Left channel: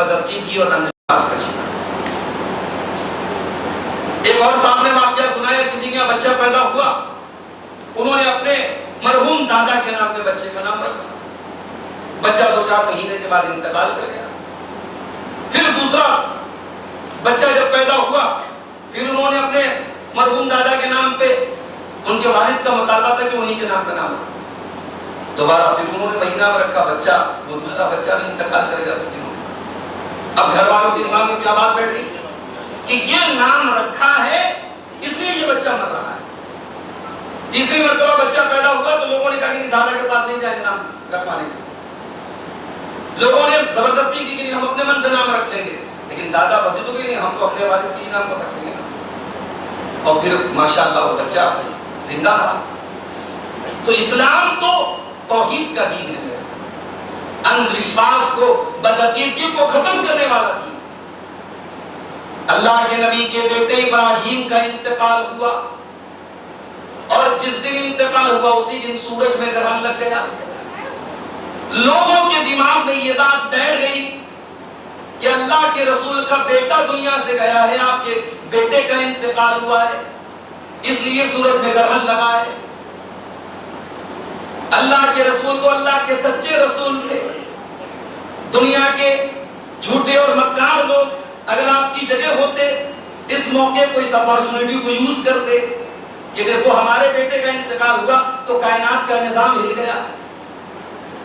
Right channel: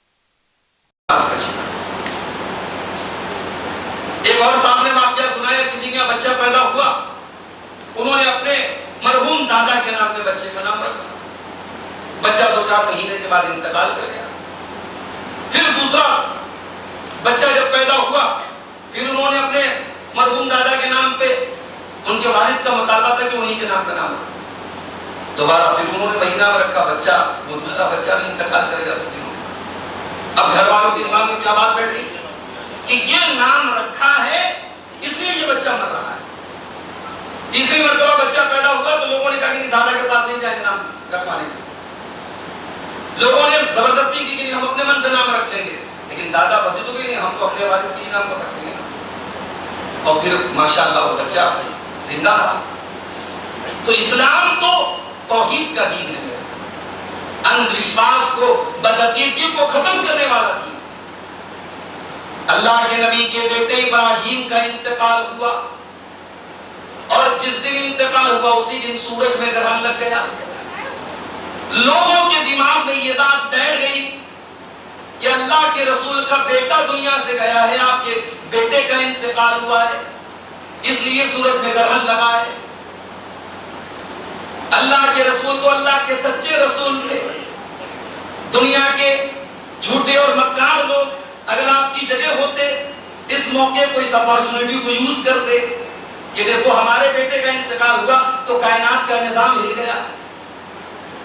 بدعقیدگی اور انداز کا شکار۔ ایک اور سامنے واقعہ سنایا، کسی کا بچہ پیدا ہوا، انہوں نے اپنے مرحوم دادا کے نام پہ بچے کا نام رکھا، بچہ 2-4 مہینے کے بعد انتقال کر گیا۔ پھر دوسرا بچہ جب پیدا ہوا، پھر انہوں نے اپنے مرحوم دادا کے نام پہ، ان کے والد کا مطالبہ تھا کہ انہی کے نام پہ نام رکھا، دوبارہ پھر انہوں نے وہی نام رکھا، بچہ وہ دوسرا بچہ بھی انتقال کر گیا۔ اب گھر والوں کے دماغ میں کیا بات بیٹھ رہی کہ یہ نام رکھا ہے اس لیے یہ بچہ مر رہا ہے۔ تیسری مرتبہ بچہ پیدا ہوا تو لوگوں نے کہا کہ دادا کے پاس نہیں جائیں گے نام رکھوانے کے، لوگوں نے زبردستی کی کہ نہیں ہم اپنے من سے نام رکھ لیں گے، لیکن دادا بسی تو نہیں، ہم تو اپنے والد کے نام کو رکھیں گے۔ اور پھر ماشاءاللہ وہ بچہ زندہ رہا۔ تو اسلام تو توحید کا دین ہے، اندھ وشواس کو، بدعقیدگی کو ختم کرنے والا دین۔ اللہ کے نبی کے بیٹے ابراہیم کا انتقال ہوا، اور جس دن انتقال ہوا اسی دن سورج میں گرہن لگ گیا۔ لوگوں کے دماغ میں یہ بات بیٹھ گئی کہ اللہ کے رسول کا بیٹا دنیا سے گیا ہے، آپ کے بیٹے کا انتقال ہوا ہے، اس لیے سورج میں گرہن لگا ہے۔ اللہ کے رسول تو اللہ کے سچے رسول تھے، دنیا کے جھوٹے اور مکار لوگ اگر آپ کی جگہ ہوتے اس موقع کو، اس اپارچونٹی کو یوز کرتے کہ دیکھو ہمارے بیٹے کا انتقال ہوا تو کائنات کا نظام ہل گیا۔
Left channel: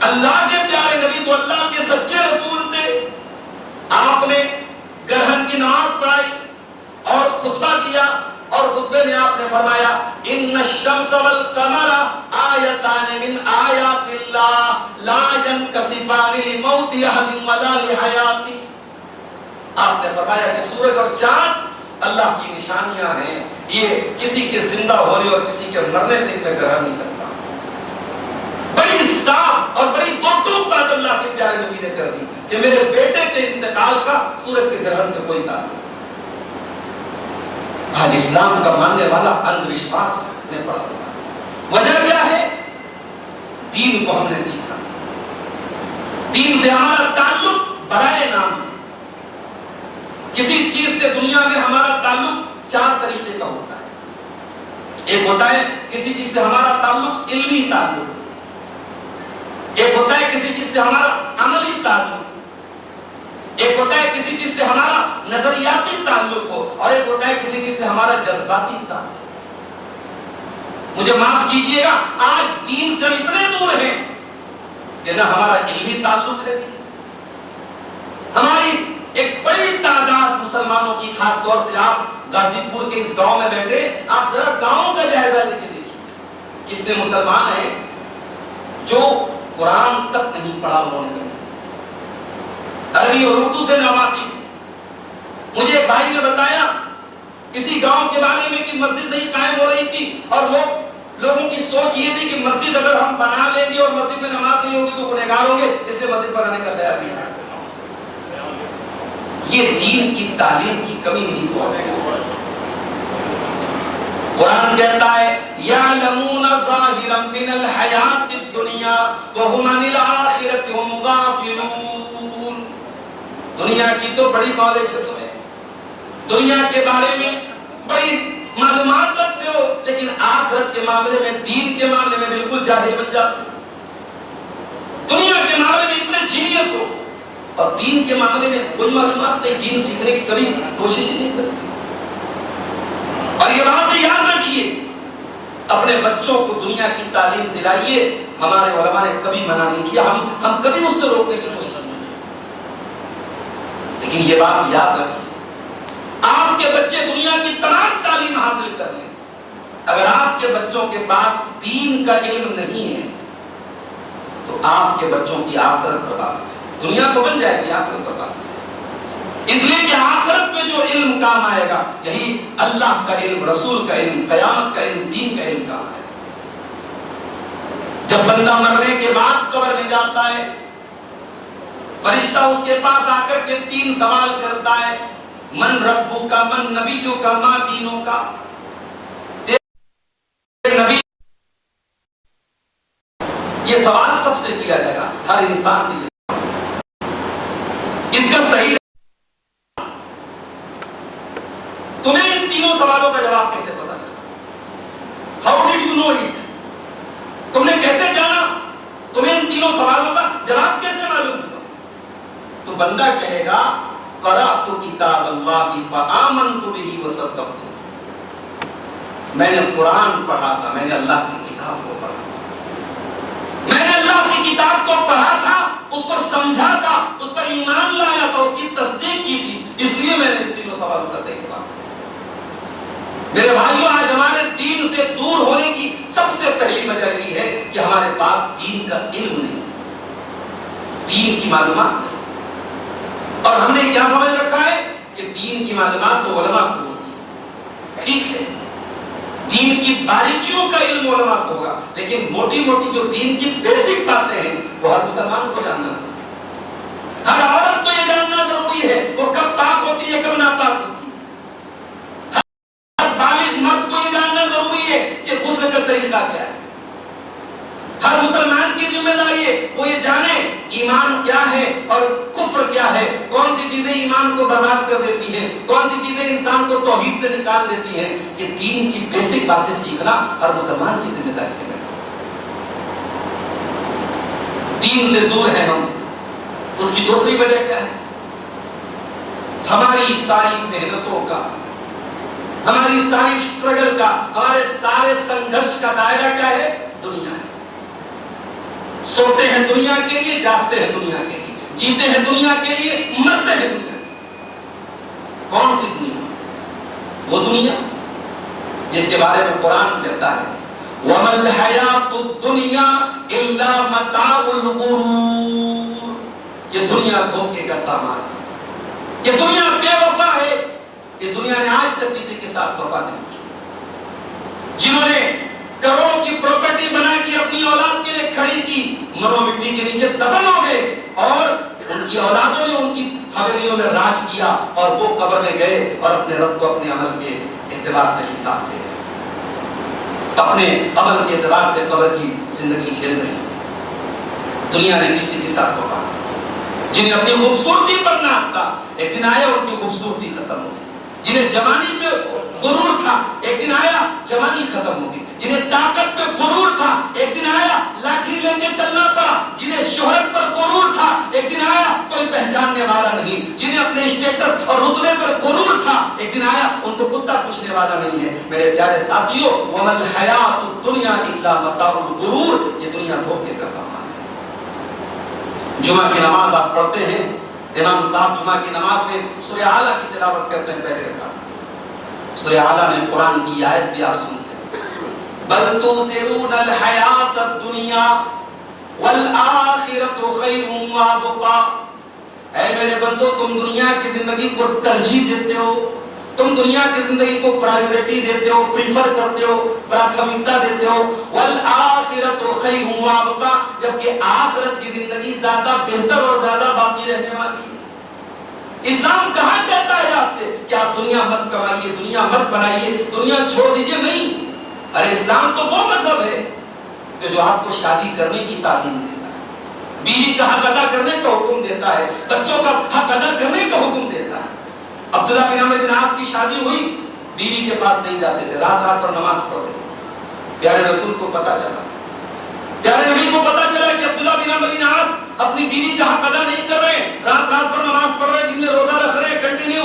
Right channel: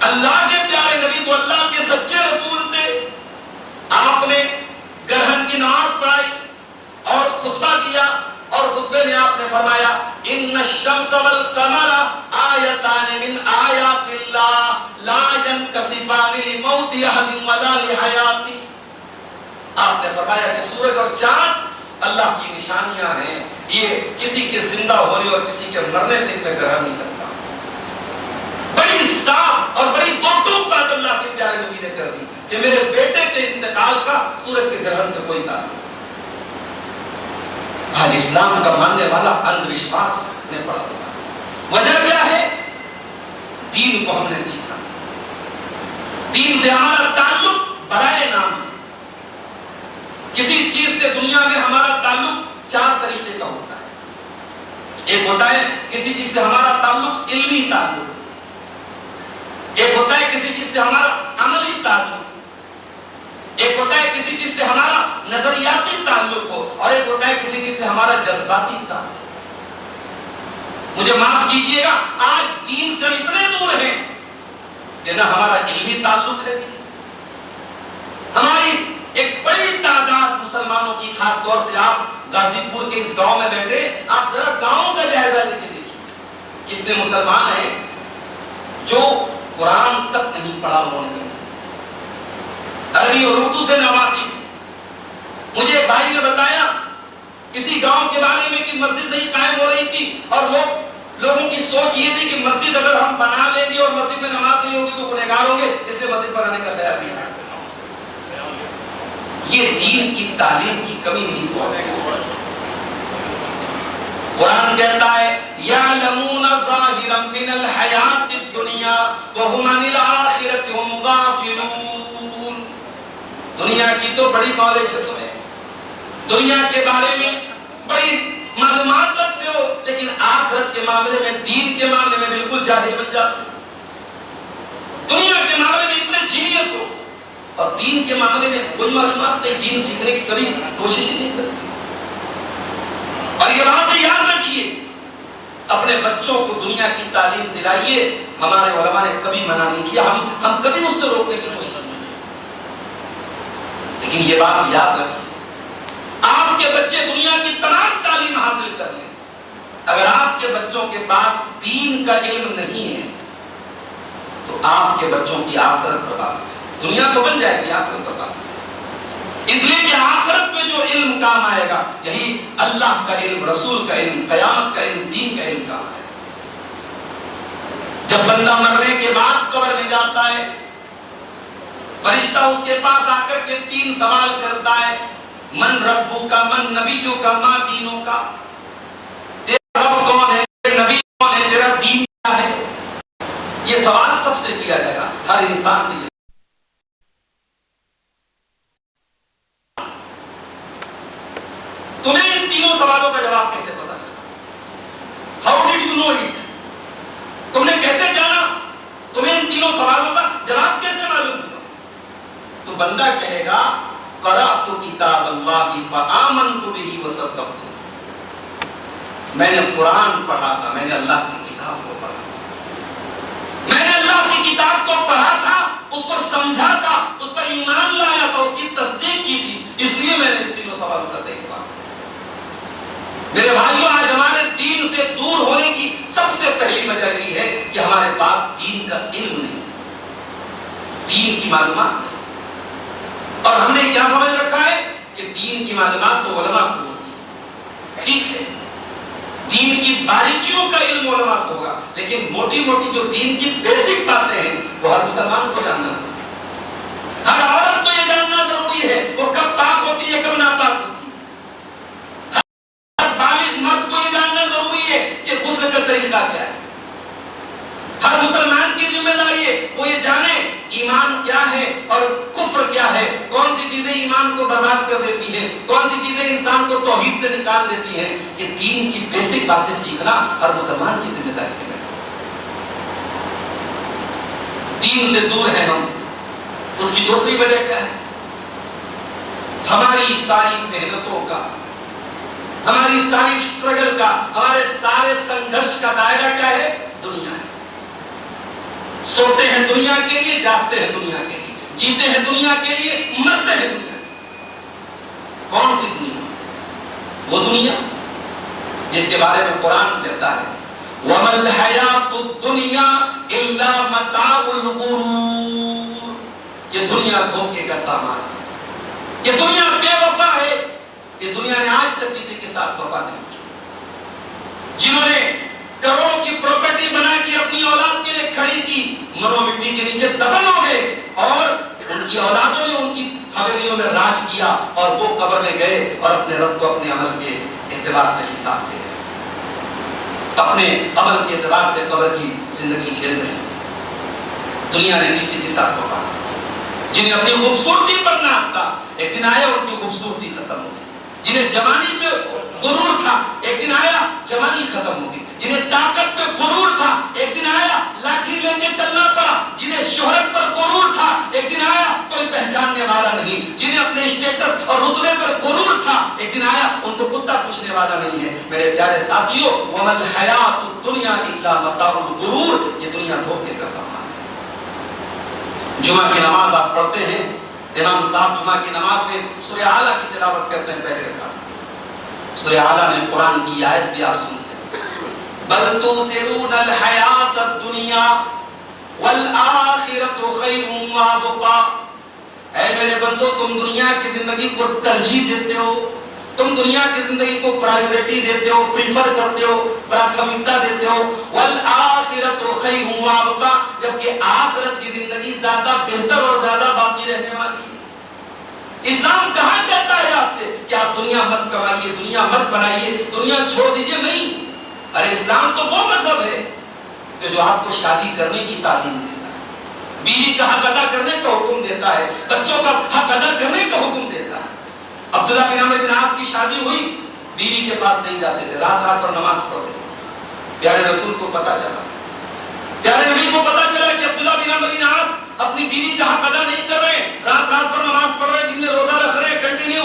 اللہ کے پیارے نبی تو اللہ کے سچے رسول تھے، آپ نے گرہن کی نماز پڑھائی اور خطبہ کیا، اور خطبے میں آپ نے فرمایا ان الشمس والقمر آیتان من آیات اللہ لا ينکسفان لموت احد ولا لحیاتی۔ آپ نے فرمایا کہ سورج اور چاند اللہ کی نشانیاں ہیں، یہ کسی کے زندہ ہونے اور کسی کے مرنے سے ان میں گرہن نہیں کرتا۔ بڑی صاف اور بڑی دو ٹوک بات اللہ کے پیارے نبی نے کر دی کہ میرے بیٹے کے انتقال کا سورج کے گرہن سے کوئی تعلق نہیں۔ آج اسلام کا ماننے والا اندھ وشواس میں پڑا ہوا، وجہ کیا ہے؟ دین کو ہم نے سیکھا، دین سے ہمارا تعلق برائے نام ہے۔ کسی چیز سے دنیا میں ہمارا تعلق 4 طریقے کا ہوتا ہے۔ ایک ہوتا ہے کسی چیز سے ہمارا تعلق علمی تعلق، ایک ہوتا ہے کسی چیز سے ہمارا عملی تعلق، ایک ہوتا ہے کسی چیز سے ہمارا نظریاتی تعلق ہو، اور ایک ہوتا ہے کسی چیز سے ہمارا جذباتی تعلق۔ مجھے معاف کیجئے گا، آج دین سے اتنے دور ہیں کہ نہ ہمارا علمی تعلق ہے دین سے۔ ہماری ایک بڑی تعداد مسلمانوں کی، خاص طور سے آپ غازی پور کے اس گاؤں میں بیٹھے، آپ ذرا گاؤں کا جائزہ لے کے دیکھیے کتنے مسلمان ہیں جو قرآن تک نہیں پڑھا انہوں نے، عربی اور اردو سے ناواقف۔ مجھے ایک بھائی نے بتایا کسی گاؤں کے بارے میں کہ مسجد نہیں قائم ہو رہی تھی، اور لوگوں کی سوچ یہ تھی کہ مسجد اگر ہم بنا لیں گے اور مسجد میں نماز نہیں ہوگی تو گنہگار ہوں گے، اس لیے مسجد بنانے کا خیال نہیں ہے۔ یہ دین کی تعلیم کی کمی نہیں تو قرآن کہتا ہے یعلمون ظاہرا من الحیات الدنیا وہم عن الآخرۃ ہم غافلون۔ دنیا کی تو بڑی نالج ہے تمہیں، دنیا کے بارے میں بڑی معلومات رکھتے ہو، لیکن آخرت کے معاملے میں، دین کے معاملے میں بالکل جاہل بن جاتے ہو۔ دنیا کے معاملے میں اتنے جینیس ہو اور دین کے معاملے میں کوئی معلومات نہیں، دین سیکھنے کی کبھی کوشش ہی نہیں کرتے۔ اور یہ بات یاد رکھیے، اپنے بچوں کو دنیا کی تعلیم دلائیے، ہمارے علماء نے کبھی منع نہیں کیا، ہم کبھی اس سے روکنے کی کوشش نہیں کی، لیکن یہ بات یاد رکھیے آپ کے بچے دنیا کی تمام تعلیم حاصل کر لیں، اگر آپ کے بچوں کے پاس دین کا علم نہیں ہے تو آپ کے بچوں کی آخرت برباد ہے۔ دنیا تو بن جائے گی، آخرت برباد ہے، اس لیے کہ آخرت میں جو علم کام آئے گا یہی اللہ کا علم، رسول کا علم، قیامت کا علم، دین کا علم کام آئے گا۔ جب بندہ مرنے کے بعد قبر میں جاتا ہے، فرشتہ اس کے پاس آ کر کے 3 سوال کرتا ہے، من ربو کا، من نبیوں کا، ماں دینوں کا، تیرا رب کون ہے، تیرا نبی کون ہے، تیرا دین کیا ہے۔ یہ سوال سب سے کیا جائے گا، ہر انسان سے یہ سوال۔ اس کا صحیح تمہیں ان تینوں سوالوں کا جواب کیسے پتا چلا؟ How did you know it? تم نے کیسے جانا؟ تمہیں ان تینوں سوالوں کا جواب کیسے معلوم ہوا؟ تو بندہ کہے گا قرأت کتاب اللہ فآمنت بہ وصدقت، میں نے قرآن پڑھا تھا، میں نے اللہ کی کتاب کو پڑھا تھا، میں نے اللہ کی کتاب کو پڑھا تھا، اس کو سمجھا تھا، اس پر ایمان لایا تھا، اس کی تصدیق کی تھی، اس لیے میں نے ان تینوں سوالوں کا صحیح جواب دیا۔ میرے بھائیوں، آج ہمارے دین سے دور ہونے کی سب سے پہلی وجہ یہ ہے کہ ہمارے پاس دین کا علم نہیں، دین کی معلومات نہیں، اور ہم نے کیا سمجھ رکھا ہے کہ دین کی معلومات تو علماء کو ہوتی ہے، ٹھیک ہے، دین کی باریکیوں کا علم علماء کو ہوگا، لیکن موٹی موٹی جو دین کی بیسک باتیں ہیں وہ ہر مسلمان کو جاننا ضروری ہے، ہر عورت کو یہ جاننا ضروری ہے وہ کب پاک ہوتی ہے کب ناپاک ہوتی ہے، مرد کو یہ جاننا ضروری ہے کہ غسل کا طریقہ کیا ہے، ہر مسلمان کی ذمہ داری ہے وہ یہ جانے ایمان کیا ہے اور کفر کیا ہے، کون سی چیزیں ایمان کو برباد کر دیتی ہیں، کون سی چیزیں انسان کو توحید سے نکال دیتی ہیں۔ یہ دین کی بیسک باتیں سیکھنا ہر مسلمان کی ذمہ داری ہے۔ دین سے دور ہیں ہم، اس کی دوسری وجہ کیا ہے؟ ہماری ساری محنتوں کا، ہماری ساری اسٹرگل کا، ہمارے سارے سنگھرش کا دائرہ کیا ہے؟ دنیا ہے۔ سوتے ہیں دنیا کے لیے، جاگتے ہیں دنیا کے لیے، جیتے ہیں دنیا کے لیے، مرتے ہیں دنیا کے لیے۔ کون سی دنیا؟ وہ دنیا جس کے بارے میں قرآن کہتا ہے وَمَا الْحَيَاةُ الدُّنْيَا إِلَّا مَتَاعُ الْغُرُورِ، یہ دنیا دھوکے کا سامان ہے، یہ دنیا بے وفا ہے۔ اس دنیا نے آج تک کسی کے ساتھ وفا نہیں کی۔ جنہوں نے کروڑوں کی پراپرٹی بنا کے اپنی اولاد کے لیے کھڑی کی، مرو مٹی کے نیچے دفن ہو گئے، اور ان کی اولادوں نے ان کی حویلیوں میں راج کیا، اور وہ قبر میں گئے اور اپنے رب کو اپنے عمل کے اعتبار سے حساب دے رہے، اپنے عمل کے اعتبار سے قبر کی زندگی جھیل رہے۔ دنیا نے کسی کے ساتھ وفا نہیں، جنہیں اپنی خوبصورتی پر ناز تھا، ایک دن آیا ان کی خوبصورتی ختم ہو گئی، جنہیں جوانی پہ غرور تھا ایک دن آیا جوانی ختم ہو گئی، جنہیں طاقت پہ غرور تھا ایک دن آیا لاٹھی لے کے چلنا پڑا، جنہیں شہرت پر غرور تھا ایک دن آیا کوئی پہچاننے والا نہیں، جنہیں اپنے اسٹیٹس اور رتبے پر غرور تھا ایک دن آیا ان کو کتا پوچھنے والا نہیں ہے۔ میرے پیارے ساتھیو، وَمَا الْحَيَاةُ الدُّنْيَا إِلَّا مَتَاعُ الْغُرُورِ، یہ دنیا دھوکے کا سامان ہے۔ جمعہ کی نماز آپ پڑھتے ہیں، امام صاحب جمعہ کی نماز میں سورہ اعلیٰ کی تلاوت کرتے ہیں، پہلے رکعت سورہ اعلیٰ میں قرآن کی آیت بھی آپ سنتے ہیں، بل تؤثرون الحیاۃ الدنیا والآخرۃ خیر وابقا، اے میرے بندو تم دنیا کی زندگی کو ترجیح دیتے ہو، تم دنیا کی زندگی کو پرائیورٹی دیتے ہو، پریفر کرتے ہو، پراتھمکتا دیتے ہو، والآخرۃ خیر وابقا، جبکہ آخرت کی زندگی زیادہ بہتر اور زیادہ باقی رہنے والی ہے۔ اسلام کہاں کہتا ہے آپ سے کہ آپ دنیا مت کمائیے، دنیا مت بنائیے، دنیا چھوڑ دیجئے؟ نہیں، ارے اسلام تو وہ مذہب ہے کہ جو آپ کو شادی کرنے کی تعلیم دیتا ہے، بیوی کا حق ادا کرنے کا حکم دیتا ہے، بچوں کا حق ادا کرنے کا حکم دیتا ہے۔ عبداللہ بن عمرو بن عاص کی شادی ہوئی، بیوی کے پاس نہیں جاتے تھے، رات رات پر نماز پڑھتے تھے۔ پیارے رسول کو پتا چلا، پیارے نبی کو پتا چلا کہ عبداللہ بن عمرو بن عاص اپنی بیوی کا حق ادا نہیں کر رہے، رات رات پر نماز پڑھ رہے، دن میں روزہ رکھ رہے، کنٹینیو۔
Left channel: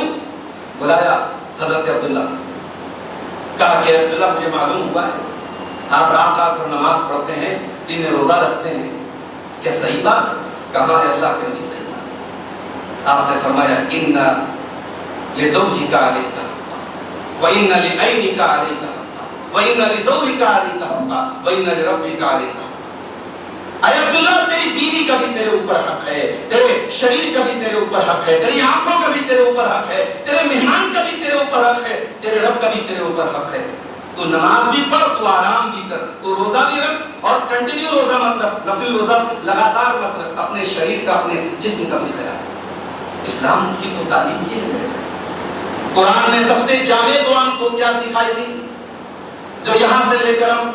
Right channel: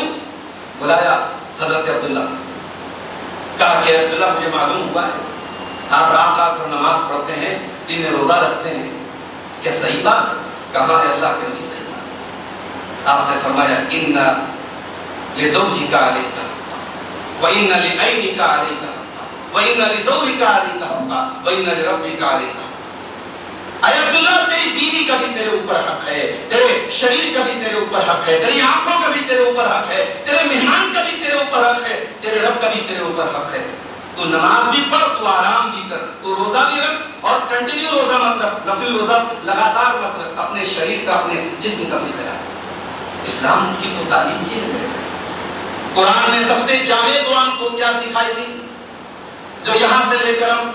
بلایا حضرت عبداللہ، کہا کہ عبداللہ مجھے معلوم ہوا ہے آپ رات رات پر نماز پڑھتے ہیں، دن میں روزہ رکھتے ہیں، کیا صحیح بات ہے؟ کہا ہے اللہ کے نبی صحیح بات ہے۔ آپ نے فرمایا ان لزوجک علیک وان لعینک علیک وان لزوجک علیک وان لربک علیک۔ اے عبداللہ تیری بیوی کا بھی تیرے اوپر حق ہے، تیرے شریر کا بھی تیرے اوپر حق ہے، تیری آنکھوں کا بھی تیرے اوپر حق ہے، تیرے مہمان کا بھی تیرے اوپر حق ہے، تیرے رب کا بھی تیرے اوپر حق ہے۔ تو نماز بھی پڑھ، تو آرام بھی کر، تو روزہ بھی رکھ، اور کنٹینیو روزہ مت رکھ، نفل روزہ لگاتار مت رکھ، اپنے شریر کا اپنے جسم کا بھی خیال۔ اسلام کی تو تعلیم یہ ہے۔ قرآن نے سب سے جامع دعا کو کیا سکھائی تھی جو یہاں سے لے کر ہم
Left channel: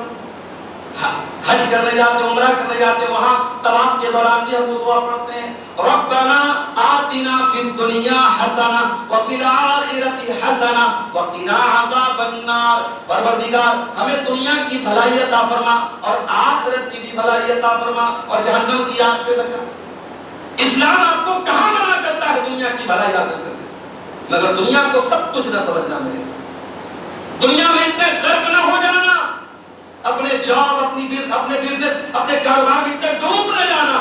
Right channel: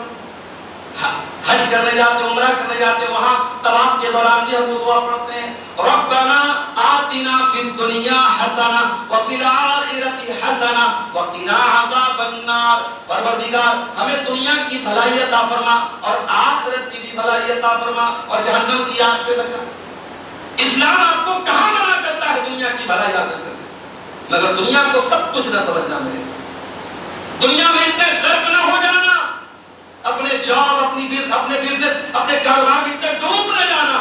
حج کرنے جاتے ہیں، عمرہ کرنے جاتے ہیں، وہاں طواف کے دوران بھی ہم دعا پڑھتے ہیں، ربنا آتنا فی الدنیا حسنہ وفی الآخرۃ حسنہ وقنا عذاب النار، پروردگار ہمیں دنیا کی بھلائی عطا فرما اور آخرت کی بھی بھلائی عطا فرما اور جہنم کی آگ سے بچا۔ اسلام آپ کو کہاں منع کرتا ہے دنیا کی بھلائی حاصل کرنے سے؟ مگر دنیا کو سب کچھ نہ سمجھنا میرے، دنیا میں اتنے غرق نہ ہو جانا، اپنے جاب، اپنے بزنس، اپنے کاروبار میں اتنے ڈوب نہ جانا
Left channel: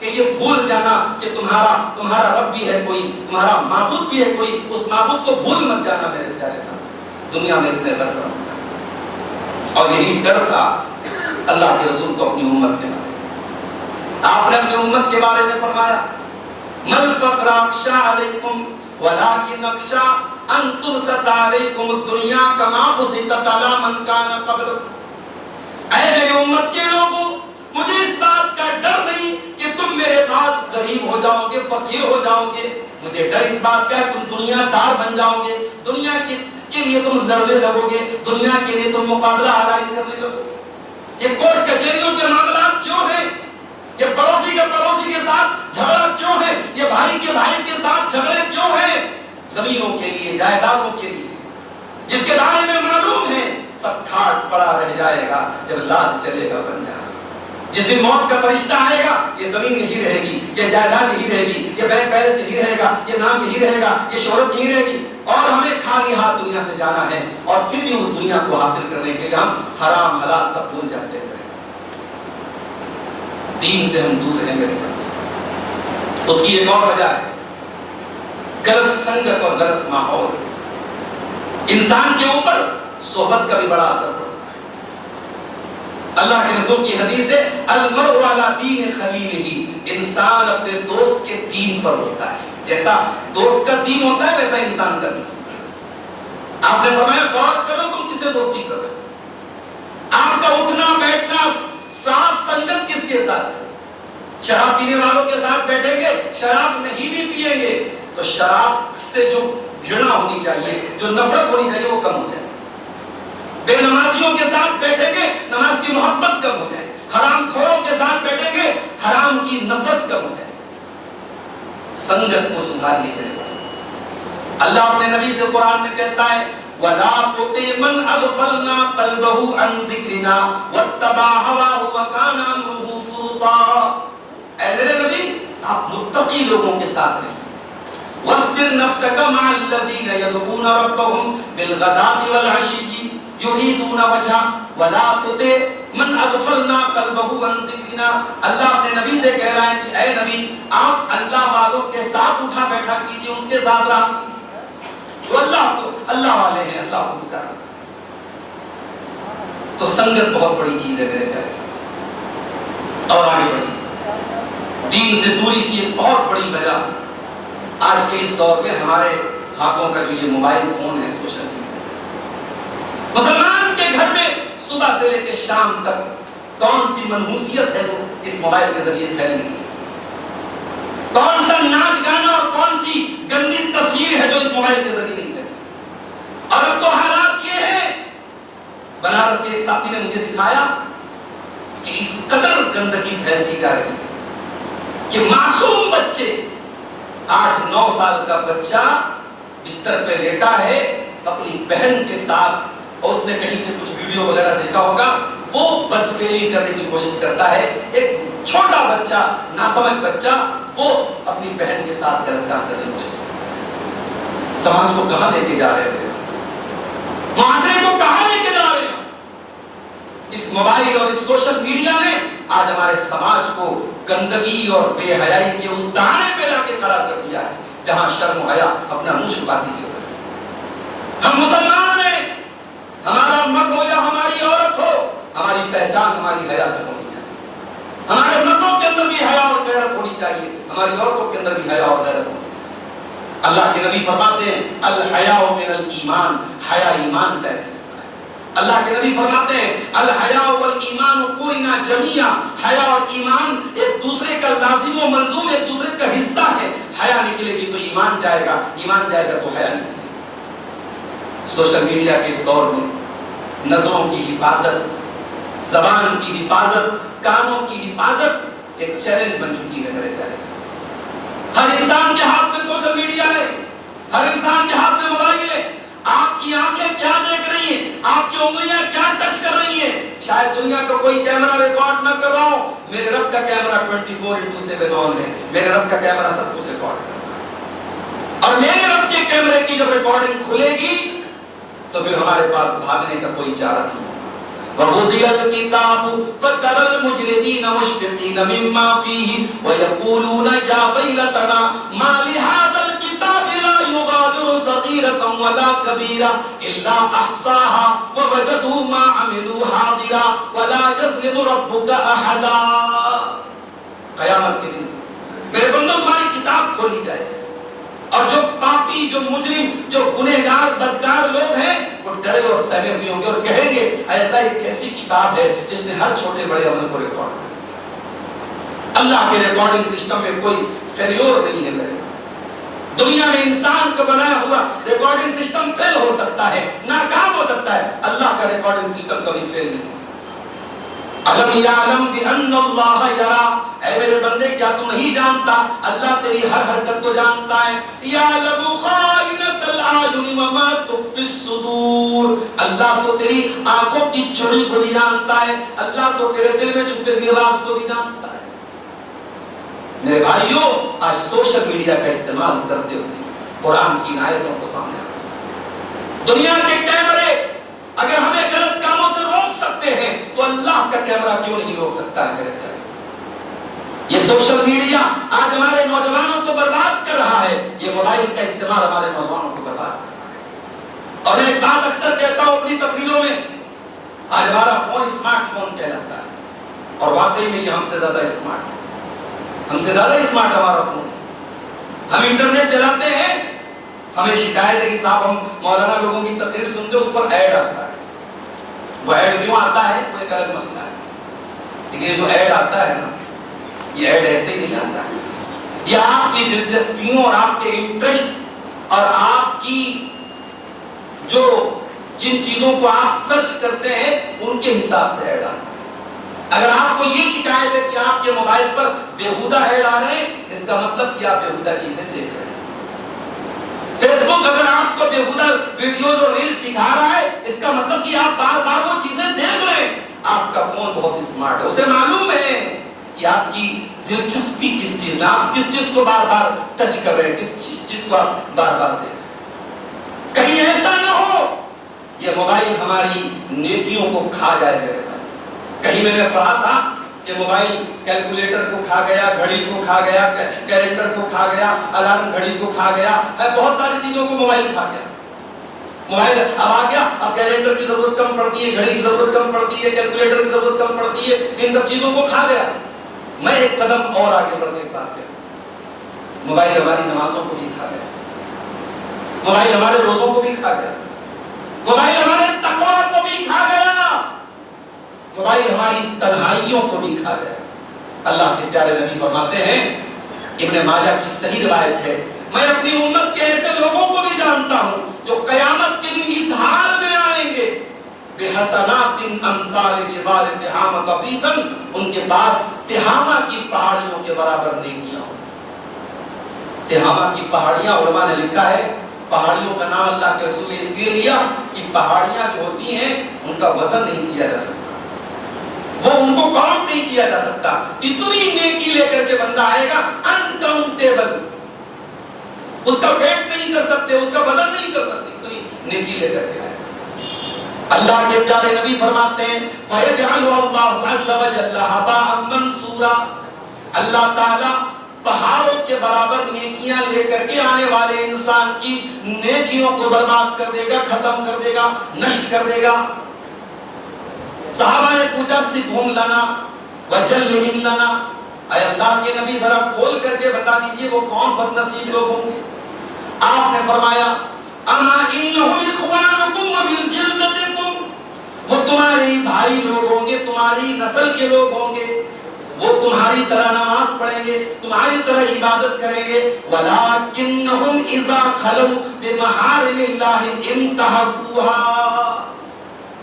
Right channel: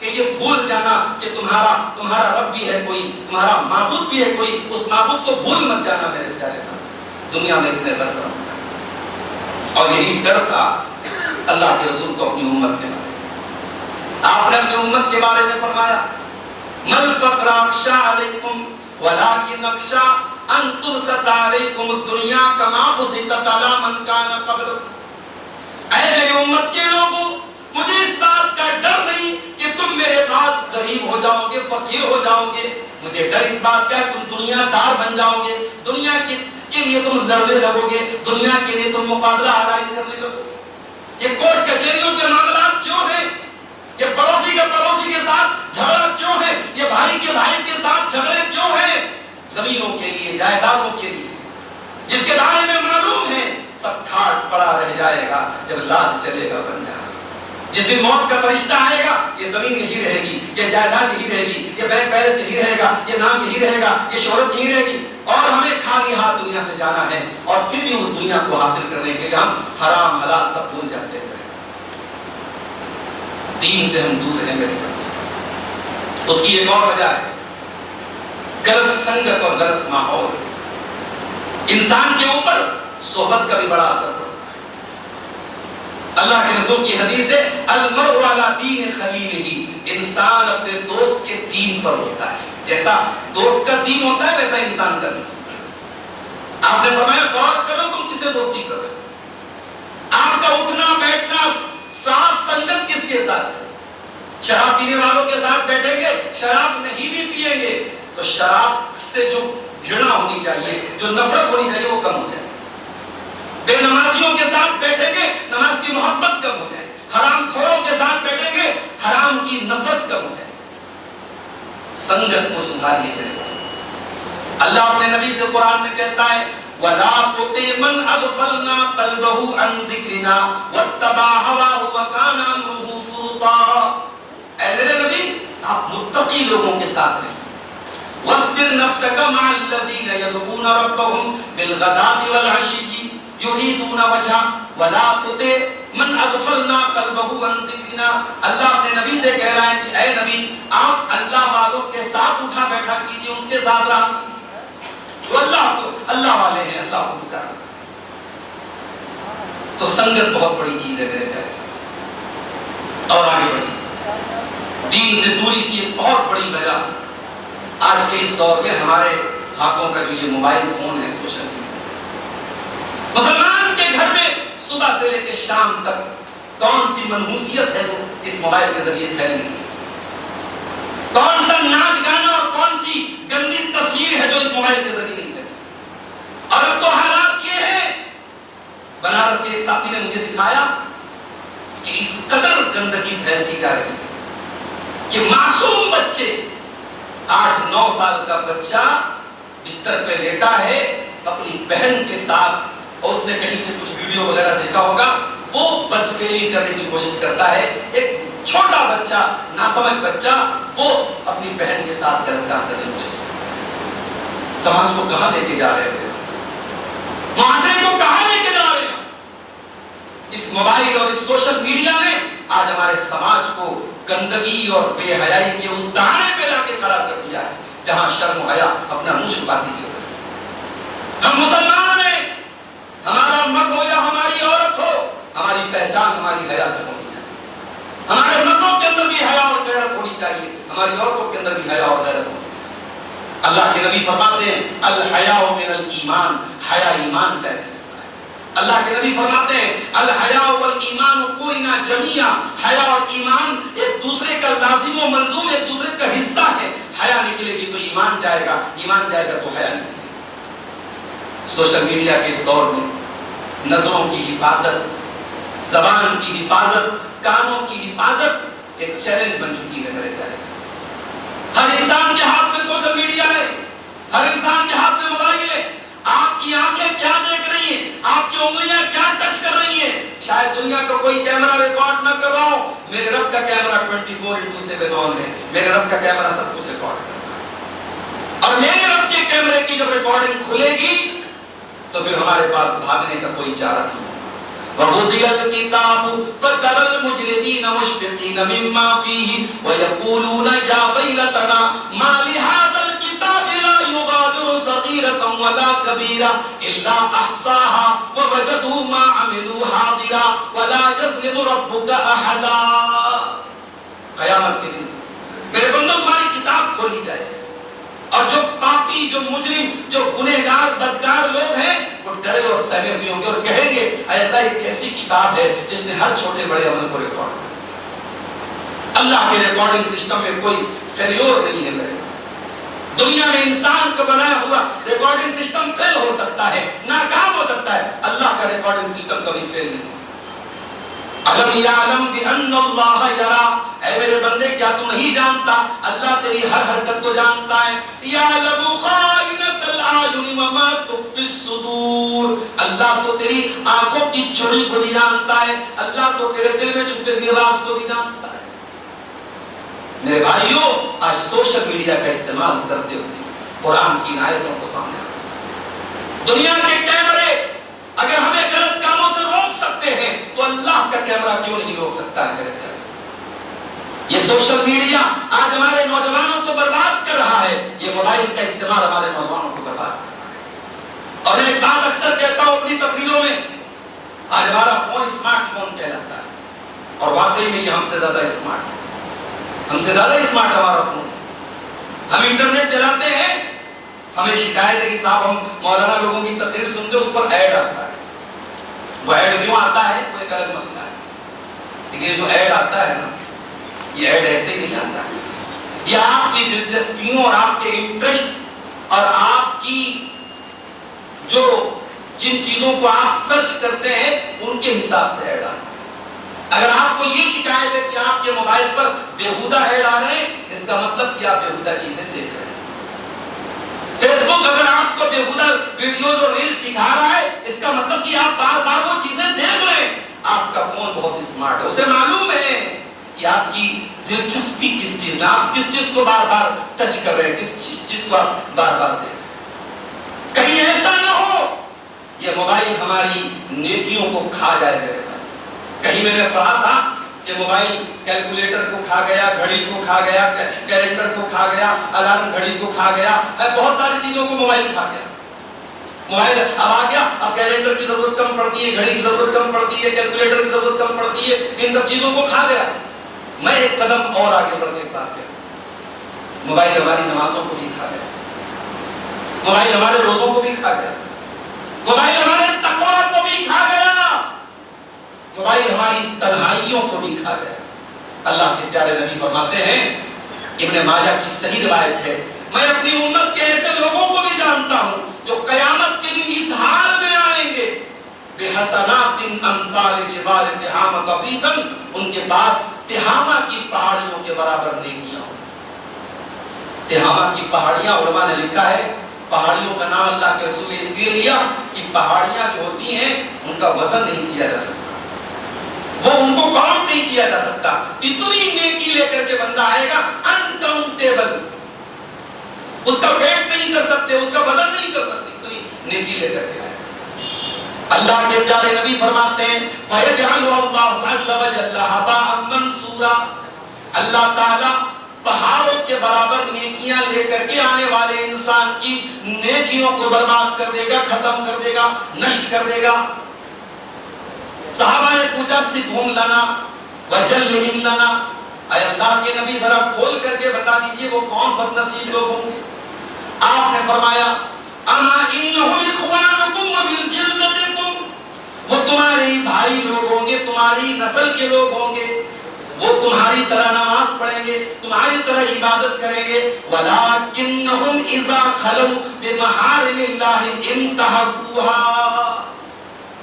کہ یہ بھول جانا کہ تمہارا رب بھی ہے کوئی، تمہارا معبود بھی ہے کوئی، اس معبود کو بھول مت جانا میرے پیارے ساتھ، دنیا میں اتنے غرق نہ ہو جانا۔ اور یہی ڈر تھا اللہ کے رسول کو اپنی امت کے بارے میں۔ آپ نے اپنی امت کے بارے میں فرمایا مل فقر اخشى علیکم ولکن اخشى ان تبسط علیکم الدنیا کما بسطت علی من کان قبلکم۔ اے میری امت کے لوگوں، مجھے اس بات کا ڈر نہیں کہ تم میرے بعد غریب ہو جاؤ گے، فقیر ہو جاؤ گے، مجھے ڈر اس بات کا ہے تم دنیا دار بن جاؤ گے، دنیا کے لیے تم لڑنے لگو گے، دنیا کے لیے تم مقابلہ آرائی کرنے لگو گے۔ یہ کورٹ کچہریوں کے معاملات کیوں ہیں؟ یہ پڑوسی کے ساتھ جھگڑا کیوں ہے؟ یہ بھائی کے ساتھ جھگڑے کیوں ہیں؟ زمینوں کے لیے، جائیدادوں کے لیے، جس کے بارے میں معلوم ہے سب ٹھاٹ پڑا رہ جائے گا جب لاد چلے گا بن جائے گا۔ جس دن موت کا فرشتہ آئے گا یہ زمین یہی رہے گی، یہ جائیداد یہی رہے گی، یہ بینک بیلنس یہی رہے گا، یہ نام یہی رہے گا، یہ شہرت یہی رہے گی، اور ہمیں خالی ہاتھ دنیا سے جانا ہے، اور پھر بھی اس دنیا کو حاصل کرنے کے لیے ہم حرام حلال سب بھول جاتے ہیں۔ دین سے ہم دور ہیں میرے ساتھ۔ اس کی ایک اور وجہ ہے غلط سنگت اور غلط ماحول۔ انسان کے اوپر صحبت کا بھی بڑا اثر پڑتا ہے۔ اللہ کے رسول کی حدیث ہے المرء علی دین خلیلہ، انسان اپنے دوست کے دین پر ہوتا ہے، جیسا دوست کا دین ہوتا ہے ویسا انسان کا دین۔ آپ نے فرمایا غور کرو تم کس سے دوستی کر رہے ہو، آپ کا اٹھنا بیٹھنا ساتھ سنگت کس کے ساتھ ہے؟ شراب پینے والوں کے ساتھ بیٹھیں گے، شراب نہیں بھی پیئیں گے تو شراب سے جو گھرنا ہونی چاہیے، جو نفرت ہونی چاہیے وہ کم ہو جائے۔ بے نمازیوں کے ساتھ بیٹھیں گے، نماز کی محبت کم ہو جائے۔ حرام خوروں کے ساتھ بیٹھیں گے، حرام کی نفرت کم ہو جائے۔ سنگت کو سدھاریے میرے بھائی۔ اللہ اپنے نبی سے قرآن میں کہتا ہے وَلَا تُطِعْ مَنْ أَغْفَلْنَا قَلْبَهُ عَنْ ذِكْرِنَا وَاتَّبَعَ هَوَاهُ وَكَانَ أَمْرُهُ فُرُطًا۔ اے میرے نبی آپ متقی لوگوں کے ساتھ رہیں۔ وَاصْبِرْ نَفْسَكَ مَعَ الَّذِينَ يَدْعُونَ رَبَّهُمْ بِالْغَدَاةِ وَالْعَشِيِّ يُرِيدُونَ وَجْهَهُ وَلَا تُطِعْ مَنْ أَغْفَلْنَا قَلْبَهُ عَنْ ذِكْرِنَا۔ اللہ اپنے نبی سے کہہ رہا ہے کہ اے نبی آپ اللہ والوں کے ساتھ اٹھا بیٹھا کیجئے، ان کے ساتھ رہا کیجئے جو اللہ والے ہیں، اللہ کو پکارا۔ تو سنگت بہت بڑی چیز ہے میرے پیارے ساتھ۔ اور آگے بڑھی دین سے دوری کی ایک بہت بڑی وجہ آج کے اس دور میں ہمارے ہاتھوں کا جو یہ موبائل فون ہے، سوشل میڈیا۔ مسلمان کے گھر میں صبح سے لے کے شام تک کون سی منحوسیت ہے وہ اس موبائل کے ذریعے پھیل رہی ہے، کون سا ناچ گانا اور کون سی گندی تصویر ہے جو اس موبائل کے ذریعے نہیں ہے۔ اور اب تو حالات یہ ہے، بنارس کے ایک ساتھی نے مجھے دکھایا کہ اس قدر گندگی پھیلتی جا رہی ہے کہ معصوم بچے، 8-9 سال کا بچہ بستر پہ لیٹا ہے اپنی بہن کے ساتھ، اور اس نے کہیں سے کچھ ویڈیو وغیرہ دیکھا ہوگا، وہ بدفعلی کرنے کی کوشش کرتا ہے۔ ایک چھوٹا بچہ، ناسمجھ بچہ، وہ اپنی بہن کے ساتھ غلط کام کرنے کی کوشش کرتا ہے۔ سماج کو کہاں لے کے جا رہے ہیں؟ معاشرے کو کہاں لے کے جا رہے ہیں؟ اس موبائل اور اس سوشل میڈیا نے آج ہمارے سماج کو گندگی اور بے حیائی کے اس دہانے پہ لا کے کھڑا کر دیا ہے جہاں شرم و حیا اپنا منہ چھپاتی بھی ہوتی ہے۔ ہم مسلمان ہیں، ہمارا مرد ہو یا ہماری عورت ہو، ہماری پہچان ہماری حیا سے ہونی چاہیے۔ ہمارے مردوں کے اندر بھی حیا اور غیرت ہونی چاہیے، ہماری عورتوں کے اندر بھی حیا اور غیرت ہونی چاہیے۔ اللہ کے نبی فرماتے ہیں الحیاء من الایمان، حیا ایمان کا ایک حصہ ہے۔ اللہ کے نبی فرماتے ہیں الحیاء والایمان قرنا جمیعا، حیا اور ایمان ایک دوسرے کا لازم و ملزوم، ایک دوسرے کا حصہ ہے۔ حیا نکلے گی تو ایمان جائے گا، ایمان جائے گا تو حیا نکلے گی۔ سوشل میڈیا کے اس دور میں نظروں کی حفاظت زبان کی حفاظت، کانوں کی حفاظت ایک چیلنج بن چکی ہے میرے پیارے سے۔ ہر انسان کے ہاتھ میں سوشل میڈیا ہے، ہر انسان کے ہاتھ میں موبائل ہے۔ آپ کی آنکھیں کیا دیکھ رہی ہیں، آپ کی انگلیاں کیا ٹچ کر رہی ہیں، شاید دنیا کا کوئی کیمرہ ریکارڈ نہ کر رہا ہو، میرے رب کا کیمرہ 24/7 آن ہے، میرے رب کا کیمرہ سب کچھ ریکارڈ کر رہا ہے۔ اور میرے رب کے کیمرے کی جب ریکارڈنگ کھلے گی تو پھر ہمارے پاس بھاگنے کا کوئی چارہ نہیں ہوگا۔ وَوُضِعَ الْكِتَابُ فَتَرَى الْمُجْرِمِينَ مُشْفِقِينَ مِمَّا فِيهِ وَيَقُولُونَ يَا وَيْلَتَنَا مَا لِهَذَا الْكِتَابِ لَا يُغَادِرُ صَغِيرَةً وَلَا كَبِيرَةً إِلَّا أَحْصَاهَا وَوَجَدُوا مَا عَمِلُوا حَاضِرًا وَلَا يَظْلِمُ رَبُّكَ أَحَدًا۔ قیامت کے دن میرے بندوں تمہاری کتاب کھولی جائے اور جو پاپی، جو مجرم، جو گنہگار بدکار لوگ ہیں وہ ڈرے اور سہمے ہوئے ہوں گے اور کہیں گے اے اللہ یہ کیسی کتاب ہے جس نے ہر چھوٹے بڑے عمل کو ریکارڈ کیا۔ اللہ کے ریکارڈنگ سسٹم میں کوئی فیلیور نہیں ہے میرے۔ دنیا میں انسان کا بنایا ہوا ریکارڈنگ سسٹم فیل ہو سکتا ہے، ناکام ہو سکتا ہے، اللہ کا ریکارڈنگ سسٹم کبھی فیل نہیں ہو سکتا۔ اَلَمْ يَعْلَمْ بِأَنَّ اللَّهَ يَرَى، اے میرے بندے کیا تو نہیں جانتا اللہ تیری ہر حرکت کو جانتا ہے۔ يَعْلَمُ خَائِنَةَ الْأَعْيُنِ وَمَا تُخْفِي الصُّدُورُ، اللہ تو تیری آنکھوں کی چوری کو بھی جانتا ہے، اللہ تو تیرے دل میں چھپے ہوئے راز کو بھی جانتا ہے۔ میرے بھائیوں آج سوشل میڈیا کا استعمال کرتے ہوئے قرآن کی آیتوں کو سامنے آتا، دنیا کے کیمرے اگر ہمیں غلط کاموں سے روک سکتے ہیں تو اللہ کا کیمرہ کیوں نہیں روک سکتا ہے میرے پیارے؟ یہ سوشل میڈیا آج ہمارے نوجوانوں کو برباد کر رہا ہے، یہ موبائل کا استعمال ہمارے نوجوانوں کو برباد کر رہا ہے۔ اور میں ایک بات اکثر کہتا ہوں اپنی تقریروں میں، آج ہمارا فون اسمارٹ فون کہلاتا ہے اور واقعی میں یہ ہم سے زیادہ اسمارٹ ہے، ہم سے زیادہ اسمارٹ ہمارا فون۔ ہم انٹرنیٹ چلاتے ہیں، ہمیں شکایت ہے کہ صاحب ہم مولانا لوگوں کی تقریر سنتے اس پر ایڈ آتا ہے۔ وہ ایڈ کیوں آتا ہے وہ ایک الگ مسئلہ ہے، لیکن یہ جو ایڈ آتا ہے نا یہ ایڈ ایسے ہی نہیں آتا ہے، یہ آپ کی دلچسپیوں اور آپ کے انٹرسٹ اور آپ کی جو جن چیزوں کو آپ سرچ کرتے ہیں ان کے حساب سے ایڈ آتا ہے۔ اگر آپ کو یہ شکایت ہے کہ آپ کے موبائل پر بےہودہ ایڈ آ رہے ہیں اس کا مطلب کہ آپ بےہودہ چیزیں دیکھ رہے ہیں۔ فیس بک اگر آپ کو بےہودہ ویڈیوز اور ریلز دکھا رہا ہے اس کا مطلب کہ آپ بار بار وہ چیزیں دیکھ رہے ہیں۔ آپ کا فون بہت اسمارٹ ہے، اسے معلوم ہے کہ آپ کی دلچسپی کس چیز میں، آپ کس چیز کو بار بار ٹچ کر رہے ہیں، کس چیز کو آپ بار بار دیکھ رہے ہیں۔ کہیں ایسا نہ ہو یہ موبائل ہماری نیکیوں کو کھا جائے میرے بھائی۔ کہیں میں نے پڑھا تھا کہ موبائل کیلکولیٹر کو کھا گیا، گھڑی کو کھا گیا، کیلنڈر کو کھا گیا، الارم گھڑی کو کھا گیا، بہت ساری چیزوں کو موبائل کھا گیا۔ موبائل اب آ گیا، اب کیلنڈر کی ضرورت کم پڑتی ہے، گھڑی کی ضرورت کم پڑتی ہے، کیلکولیٹر کی ضرورت کم پڑتی ہے، ان سب چیزوں کو کھا گیا۔ میں ایک قدم اور آگے بڑھ کے بات کروں، موبائل ہماری نمازوں کو بھی کھا گیا، موبائل ہمارے روزوں کو بھی کھا گیا، موبائل ہمارے تقویٰ کو بھی کھا گیا، موبائل ہماری تنہائیوں کو بھی کھا گیا۔ اللہ کے پیارے نبی فرماتے ہیں، ابن ماجہ کی صحیح روایت ہے، میں اپنی امت کے ایسے لوگوں کو بھی جانتا ہوں جو قیامت کے دن اس حال میں آئیں گے، بِحَسَنَاتٍ أَمْثَالِ جِبَالِ تِحَامَ قَبِيضًا، ان کے پاس تہامہ کی پہاڑیوں کے برابر نیکیاں ہوں۔ تہامہ کی پہاڑیاں، علماء نے لکھا ہے پہاڑیوں کا نام اللہ کے رسول نے اس لیے لیا کہ پہاڑیاں جو ہوتی ہیں ان کا وزن نہیں کیا جا سکتا، وہ ان کو کاؤنٹ نہیں کیا جا سکتا، اتنی نیکی لے کر کے بندہ آئے گا انکاؤنٹیبل، اس کا ویٹ نہیں کر سکتے، اس کا وزن نہیں کر سکتے، اتنی نیکی لے کر کے آئے گا۔ اللہ کے پیارے نبی فرماتے ہیں وَيَجْعَلُ اللَّهُ عَزَّ وَجَلَّ هَبَاءً مَنْثُورًا، اللہ تعالیٰ پہاڑوں کے برابر نیکیاں لے کر کے آنے والے انسان کی نیکیوں کو برباد کر دے گا، ختم کر دے گا، نشٹ کر دے گا۔ صحابہ نے پوچھا سِبْهُمْ لَنَا وَجَلِّهِمْ لَنَا، اے اللہ کے نبی ذرا کھول کر کے بتا دیجئے وہ کون بد نصیب لوگ ہوں گے؟ آپ نے فرمایا اَمَا إِنَّهُمْ إِخْوَانُكُمْ وَمِنْ جِلْدَتِكُمْ، وہ تمہارے ہی بھائی لوگ ہوں گے، تمہاری نسل کے لوگ ہوں گے، وہ تمہاری طرح نماز پڑھیں گے، تمہاری طرح عبادت کریں گے، وَلَكِنَّهُمْ إِذَا خَلَوْا بِمَحَارِمِ اللَّهِ انْتَهَكُوهَا،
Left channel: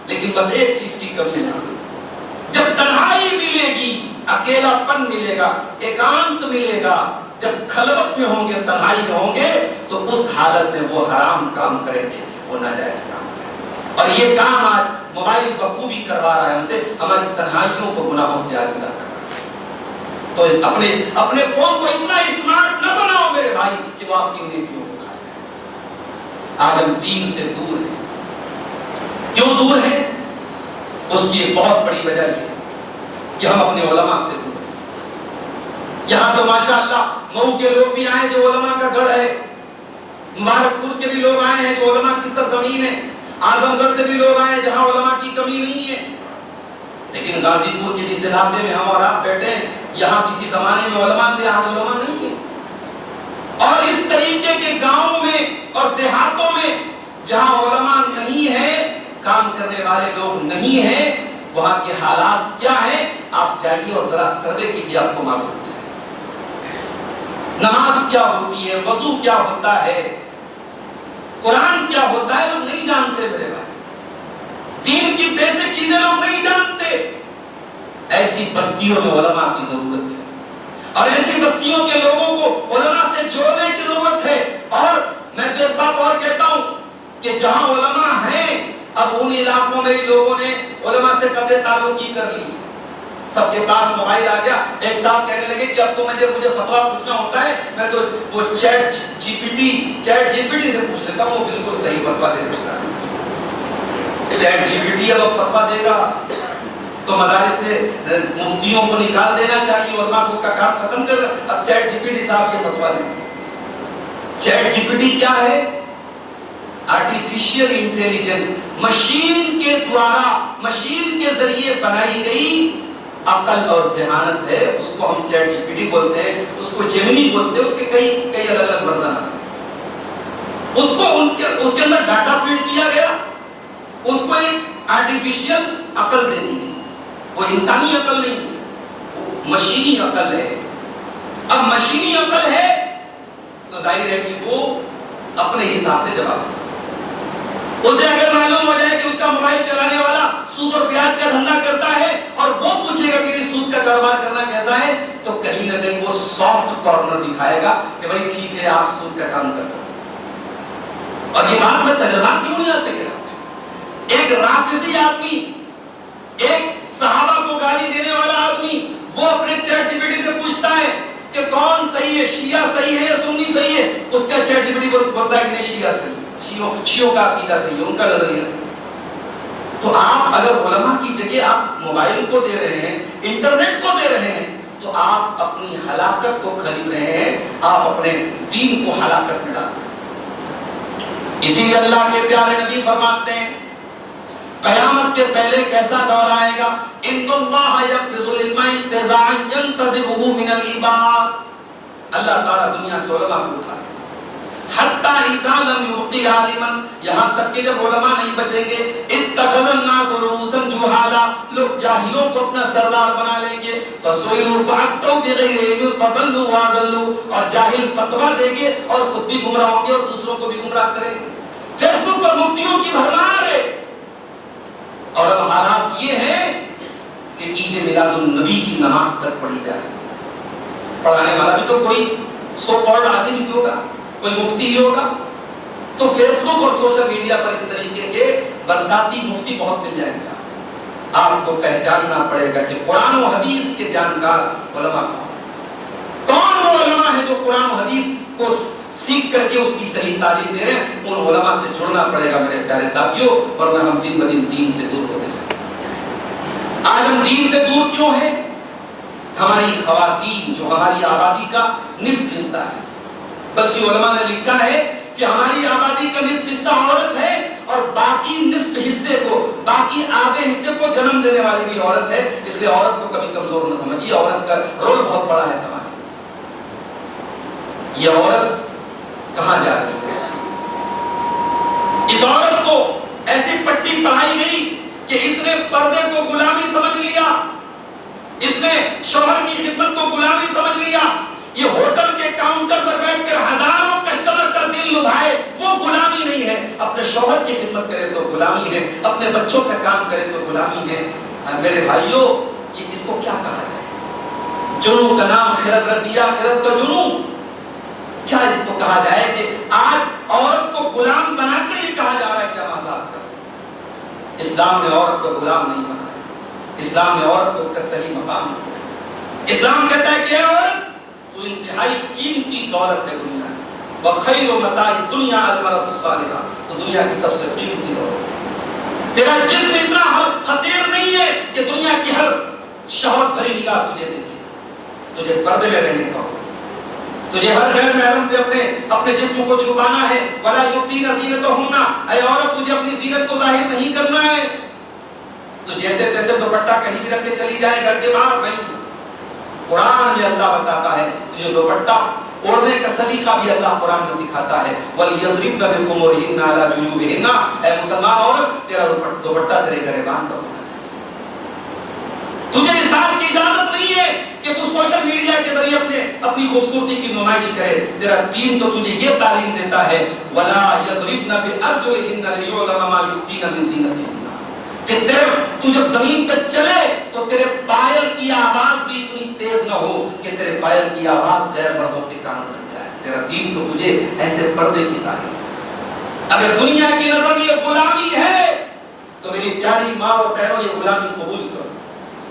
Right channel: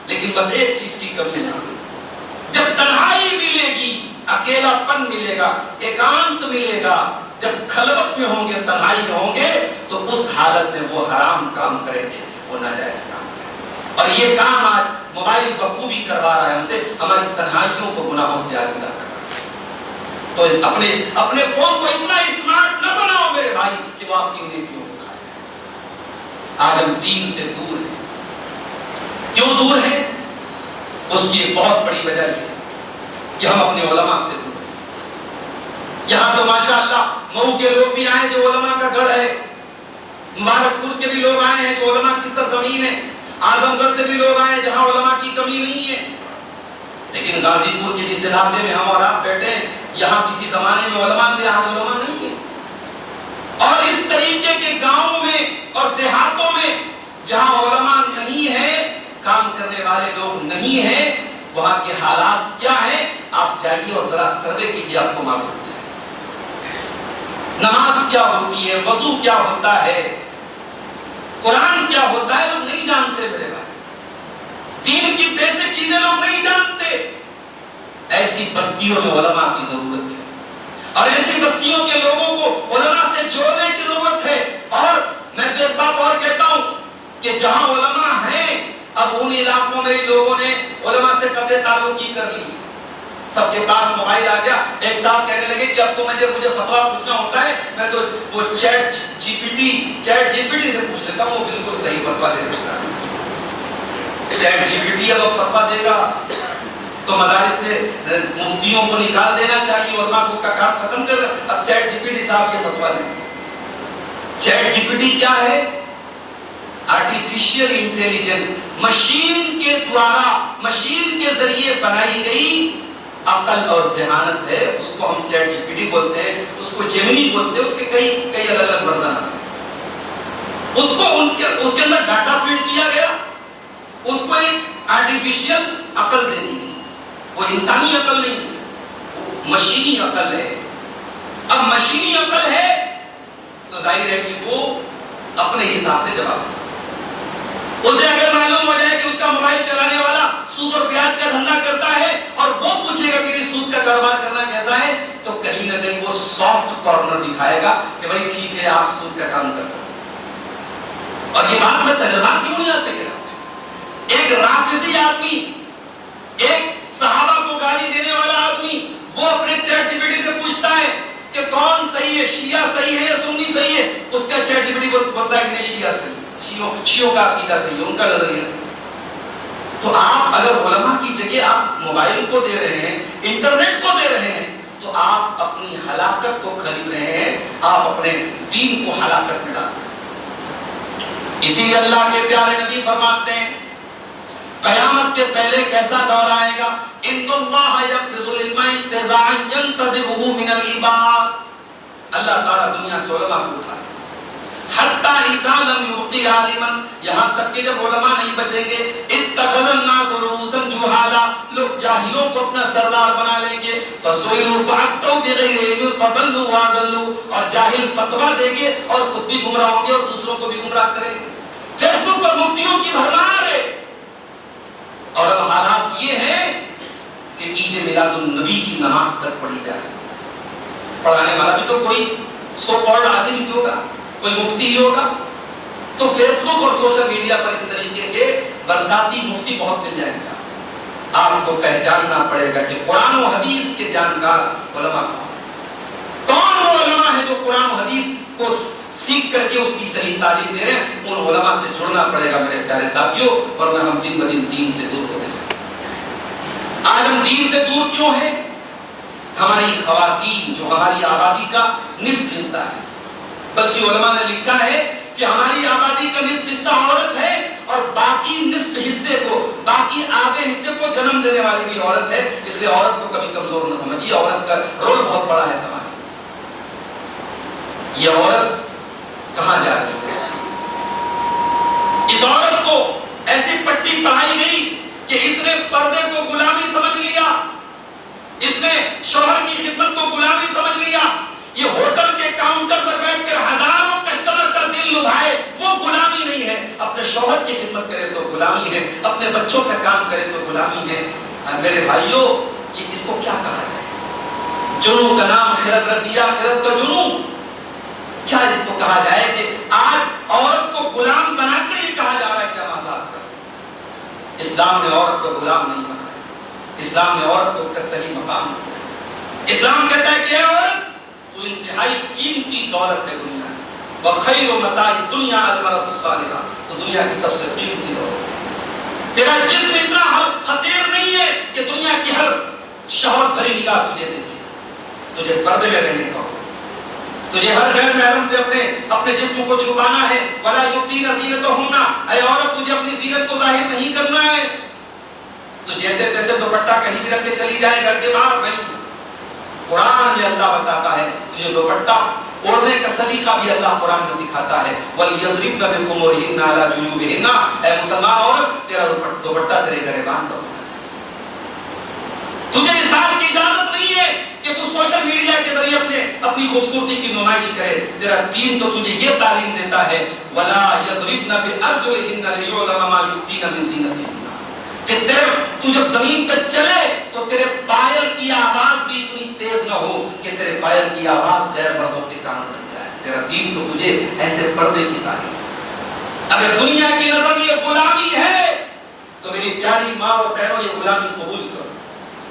لیکن بس ایک چیز کی کمی ہے، جب تنہائی ملے گی، اکیلا پن ملے گا، ایکانت ملے گا، جب خلوت میں ہوں گے، تنہائی میں ہوں گے، تو اس حالت میں وہ حرام کام کریں گے، وہ ناجائز کام کریں گے۔ اور یہ کام آج موبائل بخوبی کروا رہا ہے ہم سے، ہماری تنہائیوں کو گناہوں سے آلودہ کر رہا ہے۔ تو اپنے فون کو اتنا اسمارٹ نہ بناؤ میرے بھائی کہ وہ آپ کی نیکیوں کو کھا جائے۔ آج ہم دین سے دور ہیں۔ کیوں دور ہیں؟ اس کی ایک بہت بڑی وجہ یہ ہے کہ ہم اپنے علماء سے دور ہیں۔ یہاں تو ماشاءاللہ مئو کے لوگ بھی آئے جو علماء کا گھر ہے، مبارک پور کے بھی لوگ آئے ہیں جو علماء کی سرزمین ہے، اعظم گڑھ سے بھی لوگ آئے جہاں علماء کی کمی نہیں ہے، لیکن غازی پور کے جس علاقے میں ہم اور آپ بیٹھے ہیں، یہاں کسی زمانے میں علماء تھے، آج علماء نہیں ہے۔ اور اس طریقے کے گاؤں میں اور دیہاتوں میں جہاں علماء نہیں ہیں، کام کرنے والے لوگ نہیں ہیں، وہاں کے حالات کیا ہیں؟ آپ جائیے اور ذرا سروے کیجیے، آپ کو معلوم ہو جائے۔ نماز کیا ہوتی ہے، وضو کیا ہوتا ہے، قرآن کیا ہوتا ہے، لوگ نہیں جانتے میرے بھائی۔ دین کی بیسک چیزیں لوگ نہیں جانتے۔ ایسی بستیوں میں علماء کی ضرورت ہے، اور ایسی بستیوں کے لوگوں کو علماء سے جوڑنے کی ضرورت ہے۔ اور میں تو ایک بات اور کہتا ہوں کہ جہاں علماء ہیں، اب ان علاقوں میں لوگوں نے علماء سے قطع تعلق کی کر لی، سب کے پاس موبائل آ گیا۔ ایک صاحب کہنے لگے کہ اب تو مجھے فتویٰ پوچھنا ہوتا ہے، میں تو وہ چیٹ جی پی ٹی سے پوچھ لیتا ہوں، وہ بالکل صحیح فتویٰ دے دیتا ہے۔ چیٹ جی پی ٹی اب فتویٰ دے گا تو مدارس سے مفتیوں کو نکال دینا چاہیے، علماء کو کا کام ختم کر، اب چیٹ جی پی ٹی صاحب کے فتویٰ دیں۔ چیٹ جی پی ٹی کیا ہے؟ آرٹیفیشل انٹیلیجنس، مشین کے دوارا، مشین کے ذریعے بنائی گئی عقل اور ذہانت ہے۔ اس کو ہم چیٹ جی پی ٹی بولتے ہیں، اس کو جیمنی بولتے ہیں، اس کے کئی الگ الگ ورژن ہیں۔ اس کے اندر ڈاٹا فیڈ کیا گیا، اس کو ایک آرٹیفیشل عقل دے دی گئی، وہ انسانی عقل نہیں، مشینی عقل ہے۔ اب مشینی عقل ہے تو ظاہر ہے کہ وہ اپنے حساب سے جواب دے۔ اسے اگر معلوم ہو جائے کہ اس کا موبائل چلانے والا سود اور بیاج کا دھندا کرتا ہے اور وہ پوچھے گا کہ سود کا کاروبار کرنا کیسا ہے، تو کہیں نہ کہیں وہ سافٹ کارنر دکھائے گا کہ بھائی ٹھیک ہے آپ سود کا کام کر سکتے ہیں۔ اور یہ بات میں تجربات کی بنیاد پہ کہہ رہا ہوں۔ ایک رافضی آدمی، ایک صحابہ کو گالی دینے والا آدمی، وہ اپنے چیٹ جی پی ٹی سے پوچھتا ہے کہ کون صحیح ہے، شیعہ صحیح ہے یا سنی صحیح ہے؟ اس کا چیٹ جی پی ٹی بولتا ہے کہ نہیں شیعہ صحیح ہے، شیعوں کا عقیدہ صحیح ہے، ان کا نظریہ صحیح ہے۔ تو آپ اگر علماء کی جگہ آپ موبائل کو دے رہے ہیں، انٹرنیٹ کو دے رہے ہیں، تو آپ اپنی ہلاکت کو خرید رہے ہیں، آپ اپنے دین کو ہلاکت میں ڈال رہے ہیں۔ اسی لیے اللہ کے پیارے نبی فرماتے ہیں قیامت کے پہلے کیسا دور آئے گا، ان اللہ یقبض العلم انتزاعا ينتزعه من العباد، اللہ تعالیٰ دنیا سے علماء کو اٹھائے حتی اذا لم یبق عالما، یہاں تک کہ جب علماء نہیں بچیں گے، اتخذ الناس رؤوسا جہالا، لوگ جاہلوں کو اپنا سردار بنا لیں گے، فسئلوا فافتوا بغیر علم فضلوا واضلوا، اور جاہل فتویٰ دیں گے اور خود بھی گمراہ ہوں گے اور دوسروں کو بھی گمراہ کریں گے۔ فیس بک پر مفتیوں کی بھرمار ہے، اور اب حالات یہ ہیں کہ عید میلاد النبی کی نماز تک پڑھی جائے، پڑھانے والا بھی تو کوئی سو کالڈ آدمی نہیں ہوگا، کوئی مفتی ہی ہوگا۔ تو فیس بک اور سوشل میڈیا پر اس طریقے کے برساتی مفتی بہت مل جائیں گا۔ آپ کو پہچاننا پڑے گا کہ قرآن و حدیث کے جانکار علماء کون وہ علماء ہیں جو قرآن و حدیث کو سیکھ کر کے اس کی صحیح تعلیم دے رہے ہیں، ان علماء سے جڑنا پڑے گا میرے پیارے ساتھیوں، ورنہ ہم دن بدن دین سے دور ہوتے جائیں گے۔ آج ہم دین سے دور کیوں ہیں؟ ہماری خواتین جو ہماری آبادی کا نصف حصہ ہے، بلکہ علماء نے لکھا ہے کہ ہماری آبادی کا نصف حصہ عورت ہے، اور باقی نصف حصے کو، باقی آدھے حصے کو جنم دینے والی بھی عورت ہے۔ اس لیے عورت کو کبھی کمزور نہ سمجھیے، عورت کا رول بہت بڑا ہے سماج میں۔ یہ عورت کہاں جا رہی ہے؟ اس عورت کو ایسی پٹی پڑھائی گئی کہ اس نے پردے کو غلامی سمجھ لیا، اس نے شوہر کی خدمت کو غلامی سمجھ لیا۔ یہ ہوٹل کے کاؤنٹر پر بیٹھ کر ہزاروں کسٹمر کا دل لبھائے، وہ غلامی نہیں ہے۔ اپنے شوہر کی خدمت کرے تو غلامی ہے، اپنے بچوں کا کام کرے تو غلامی ہے۔ میرے بھائیوں، یہ اس کو کیا کہا جائے؟ جنوں کا نام خرد رکھ دیا، خرد کا جنوں، کیا اس کو کہا جائے کہ آج عورت کو غلام بنا کر یہ کہا جا رہا ہے کہ ہم آزاد کریں؟ اسلام نے عورت کو غلام نہیں بنایا، اسلام نے عورت کو اس کا صحیح مقام دیا۔ اسلام کہتا ہے کہ اے عورت، تو انتہائی قیمتی دولت ہے دنیا میں، وَخَيْرُ مَتَاعِ الدُّنْيَا الْمَرْأَةُ الصَّالِحَةُ، تو دنیا کی سب سے قیمتی دولت ہے۔ تیرا جسم اتنا حقیر نہیں ہے کہ دنیا کی ہر شہوت بھری نگاہ تجھے دیکھے، تجھے پردے میں رہنے کا ہو، تجھے ہر غیر محرم سے اپنے جسم کو چھپانا ہے۔ وَلَا يُبْدِينَ زِينَتَهُنَّ، اے عورت تجھے اپنی زینت کو ظاہر نہیں کرنا ہے، تو جیسے تیسے دوپٹہ کہیں بھی رکھ کے چلی جائے گھر کے باہر نہیں۔ قرآن میں اللہ بتاتا ہے تجھے دوپٹہ اوڑھنے کا سلیقہ بھی اللہ قرآن میں سکھاتا ہے، وَلْيَضْرِبْنَ بِخُمُرِهِنَّ عَلَىٰ جُيُوبِهِنَّ، اے مسلمان عورت تیرا دوپٹہ تیرے گریبان پر ہونا چاہیے۔ تجھے اس بات کی اجازت نہیں ہے کہ تو سوشل میڈیا کے ذریعے اپنی خوبصورتی کی نمائش کرے۔ تیرا دین تو تجھے یہ تعلیم دیتا ہے وَلَا يَضْرِبْنَ بِأَرْجُلِهِنَّ لِيُعْلَمَ مَا يُخْفِينَ مِنْ زِينَتِهِنَّ، کہ تو جب زمین پہ چلے تو تیرے پائل کی آواز بھی اتنی تیز نہ ہو کہ تیرے پائل کی آواز غیر مردوں کے کان تک جائے۔ تیرا دین تو تجھے ایسے پردے کی تعلیم ہے۔ اگر دنیا کی نظر میں یہ غلامی ہے تو میری پیاری ماں اور بہنوں یہ غلامی قبول کرو۔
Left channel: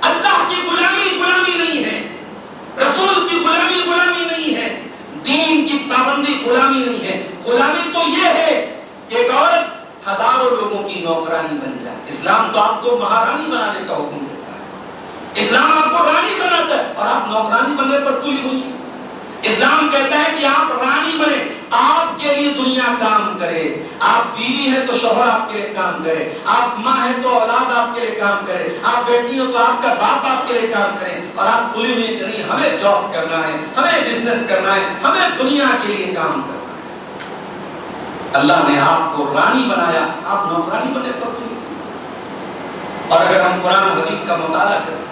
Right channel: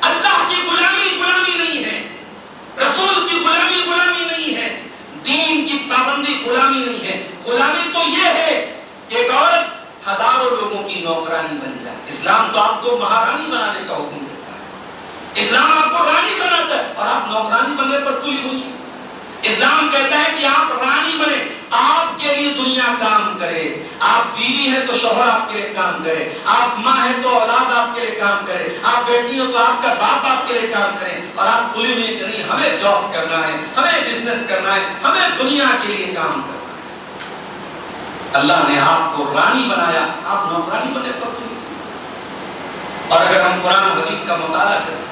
اللہ کی غلامی غلامی نہیں ہے، رسول کی غلامی غلامی نہیں ہے، دین کی پابندی غلامی نہیں ہے۔ غلامی تو یہ ہے کہ ایک عورت ہزاروں لوگوں کی نوکرانی بن جائے۔ اسلام تو آپ کو مہارانی بنانے کا حکم دیتا ہے، اسلام آپ کو رانی بناتا ہے اور آپ نوکرانی بننے پر تلی ہوئی۔ اسلام کہتا ہے کہ آپ رانی بنے، آپ کے لیے دنیا کام کرے، آپ بیوی ہیں تو شوہر آپ کے لیے کام کرے، آپ ماں ہیں تو اولاد آپ کے لیے کام کرے، آپ بیٹی ہو تو آپ کا باپ آپ کے لیے کام کرے، اور آپ تلی ہوئی کہ نہیں ہمیں جاب کرنا ہے، ہمیں بزنس کرنا ہے، ہمیں دنیا کے لیے کام کرنا ہے۔ اللہ نے آپ کو رانی بنایا، آپ نوکرانی بنے پر تلی۔ اور اگر ہم قرآن و حدیث کا مطالعہ کریں،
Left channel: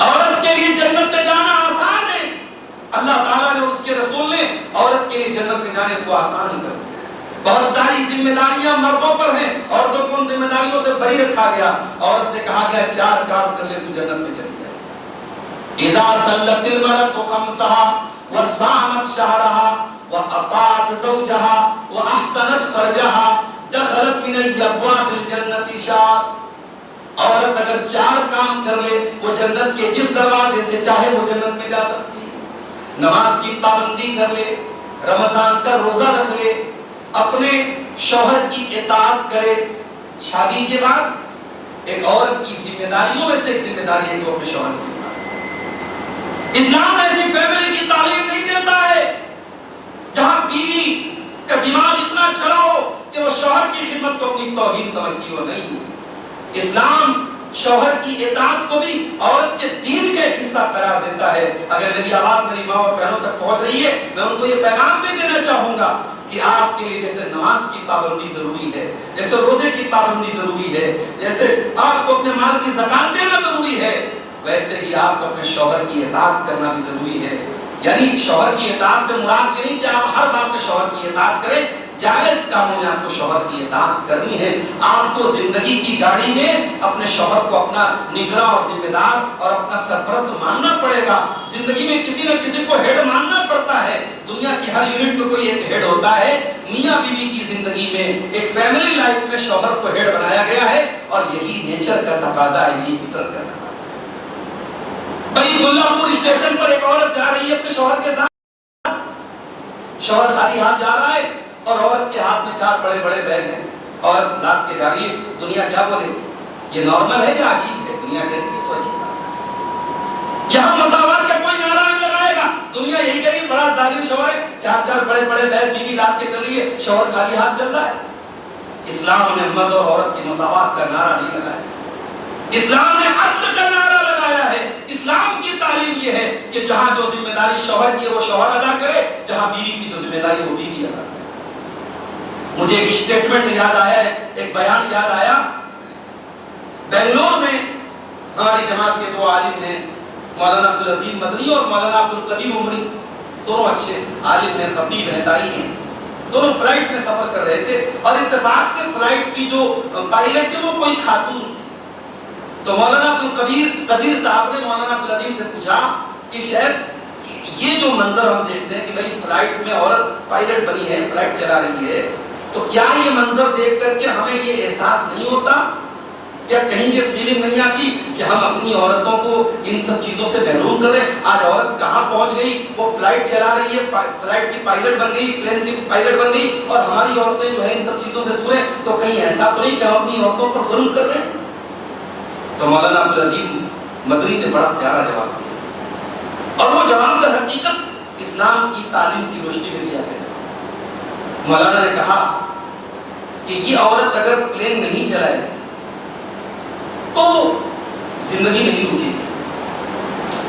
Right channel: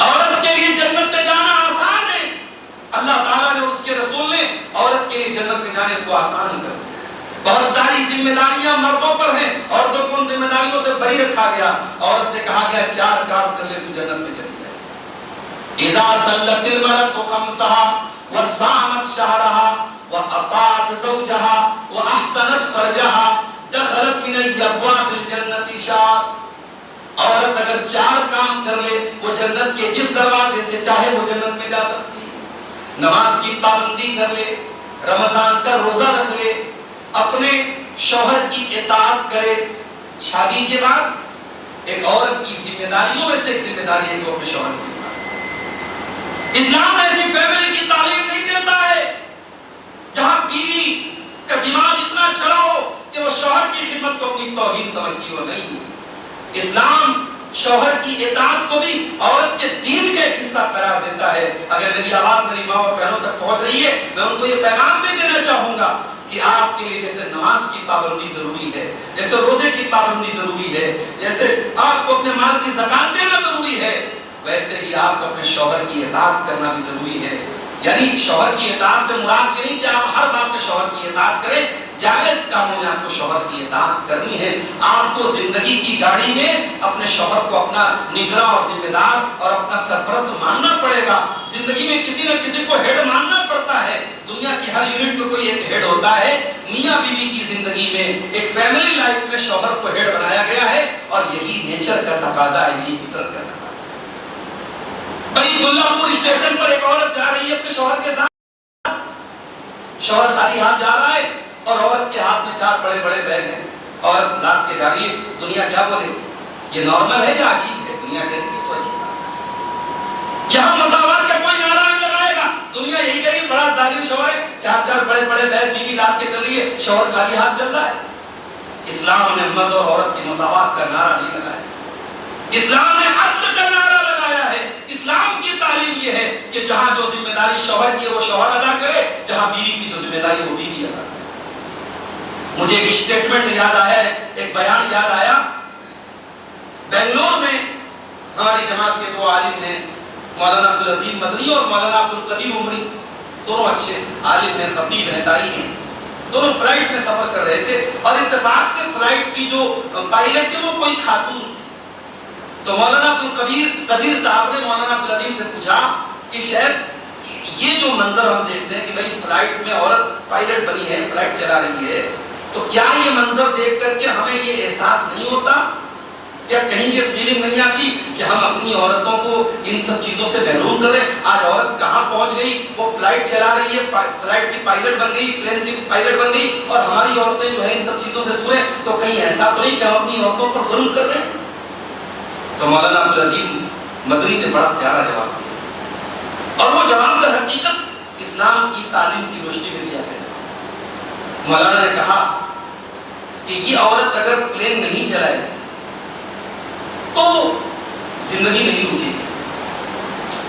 عورت کے لیے جنت میں جانا آسان ہے، اللہ تعالیٰ نے اس کے رسول نے عورت کے لیے جنت میں جانے کو آسان کر دیا۔ بہت ساری ذمہ داریاں مردوں پر ہیں، عورتوں کو ان ذمہ داریوں سے بری رکھا گیا۔ عورت سے کہا گیا 4 کام کر لے تو جنت میں چلی جائے۔ اذا صلت المرأة خمسها وصامت شهرها واطاعت زوجها واحسنت فرجها دخلت من ابواب الجنة شاءت۔ عورت اگر 4 کام کر لے وہ جنت کے جس دروازے سے چاہے وہ جنت میں جا سکتی ہے۔ نماز کی پابندی کر لے، رمضان کا روزہ رکھ لے، اپنے شوہر کی اطاعت کرے۔ شادی کے بعد ایک عورت کی ذمہ داریوں میں سے ایک ذمہ داری ہے کہ وہ اپنے شوہر کی اطاعت۔ اسلام ایسی فیملی کی تعلیم نہیں دیتا ہے جہاں بیوی کا دماغ اتنا چڑھا ہو کہ وہ شوہر کی خدمت کو اپنی توہین سمجھتی ہو، نہیں۔ اسلام شوہر کی اطاعت کو بھی عورت کے دین کا ایک حصہ قرار دیتا ہے۔ اگر میری آواز میری ماں اور بہنوں تک پہنچ رہی ہے، میں ان کو یہ پیغام بھی دینا چاہوں گا کہ آپ کے لیے جیسے نماز کی پابندی ضروری ہے، جیسے روزے کی پابندی ضروری ہے، جیسے آپ کو اپنے مال کی زکات دینا ضروری ہے، ویسے ہی آپ کو اپنے شوہر کی اطاعت کرنا بھی ضروری ہے۔ یعنی شوہر کی اطاعت سے مراد یہ نہیں کہ آپ ہر بات میں شوہر کی اطاعت کریں، جائز کاموں میں آپ کو شوہر کی اطاعت کرنی ہے۔ آپ کو زندگی کی گاڑی میں اپنے شوہر کو اپنا نگراں اور ذمہ دار اور اپنا سرپرست ماننا پڑے گا۔ زندگی میں کسی نہ کسی کو ہیڈ ماننا پڑتا ہے۔ دنیا کی ہر یونٹ میں کوئی ایک ہیڈ ہوتا ہے۔ میاں بیوی کی زندگی میں ایک فیملی لائف میں شوہر کو ہیڈ بنایا گیا ہے، اور یہی نیچر کا تقاضا ہے، یہی فطرت کا تقاضا ہے۔ بھائی دلہ پور اسٹیشن پر ایک عورت جا رہی ہے اپنے شوہر کے ساتھ، شوہر خالی ہاتھ جا رہا ہے اور عورت کے ہاتھ میں 4 بڑے بڑے بیگ ہیں۔ عورت لاد کے جا رہی ہے، دنیا کیا بولے گی؟ یہ نارمل ہے یا عجیب ہے؟ دنیا کہتی ہے تو عجیب ہے۔ یہاں مساوات کا کوئی نعرہ نہیں لگائے گا، دنیا یہی کہے گی بڑا ظالم شوہر ہے، 4 بڑے بڑے بیگ بیوی لاد کے چل رہی ہے، شوہر خالی ہاتھ چل رہا ہے۔ اسلام نے مرد اور عورت کی مساوات کا نعرہ نہیں لگایا، اسلام نے عدل کا نعرہ لگایا ہے۔ اسلام کی تعلیم یہ ہے کہ جہاں جو ذمہ داری شوہر کی ہے وہ شوہر ادا کرے، جہاں بیوی کی جو ذمہ داری ہے وہ بیوی ادا کرے۔ مجھے ایک اسٹیٹمنٹ یاد آیا ہے، ایک بیان یاد آیا۔ بنگلور میں ہماری جماعت کے 2 عالم ہیں، مولانا عبدالعظیم مدنی اور مولانا عبدالقدیم عمری، دونوں اچھے عالم ہیں، خطیب ہیں، داعی ہیں۔ دونوں فلائٹ میں سفر کر رہے تھے اور اتفاق سے فلائٹ کی جو پائلٹ تھی وہ کوئی خاتون تھی۔ تو مولانا عبدالقدیر صاحب نے مولانا عبدالعظیم سے پوچھا کہ شیخ یہ جو منظر ہم دیکھتے ہیں کہ بھائی فلائٹ میں عورت پائلٹ بنی ہے، فلائٹ چلا رہی ہے، تو کیا یہ منظر دیکھ کر کے ہمیں یہ احساس نہیں ہوتا، کیا کہیں یہ فیلنگ نہیں آتی کہ ہم اپنی عورتوں کو ان سب چیزوں سے محروم کریں؟ آج عورت کہاں پہنچ گئی، وہ فلائٹ چلا رہی ہے، فلائٹ کی پائلٹ بن گئی، پلین کی پائلٹ بن گئی، اور ہماری عورتیں جو ہے ان سب چیزوں سے دور ہیں، تو کہیں ایسا تو نہیں کہ ہم اپنی عورتوں پر ظلم کر رہے ہیں؟ تو مولانا عبدالعظیم مدنی نے بڑا پیارا جواب دیا، اور وہ جواب در حقیقت اسلام کی تعلیم کی روشنی میں دیا گیا۔ مولانا نے کہا کہ یہ عورت اگر پلین نہیں چلائے تو زندگی نہیں رکے گی،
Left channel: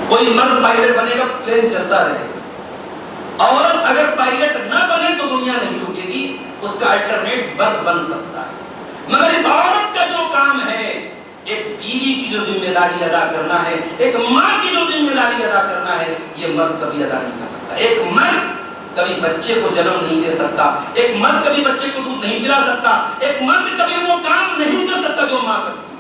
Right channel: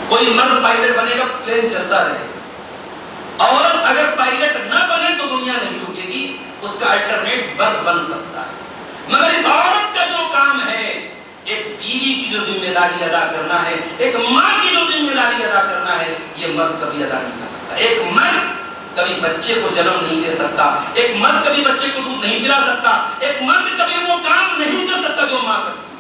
کوئی مرد پائلٹ بنے گا، پلین چلتا رہے گا۔ عورت اگر پائلٹ نہ بنے تو دنیا نہیں رکے گی، اس کا الٹرنیٹ مرد بن سکتا ہے۔ مگر اس عورت کا جو کام ہے، ایک بیوی کی جو ذمہ داری ادا کرنا ہے، ایک ماں کی جو ذمہ داری ادا کرنا ہے، یہ مرد کبھی ادا نہیں کر سکتا۔ ایک مرد کبھی بچے کو جنم نہیں دے سکتا، ایک مرد کبھی بچے کو دودھ نہیں پلا سکتا، ایک مرد کبھی وہ کام نہیں کر سکتا جو ماں کرتی ہے۔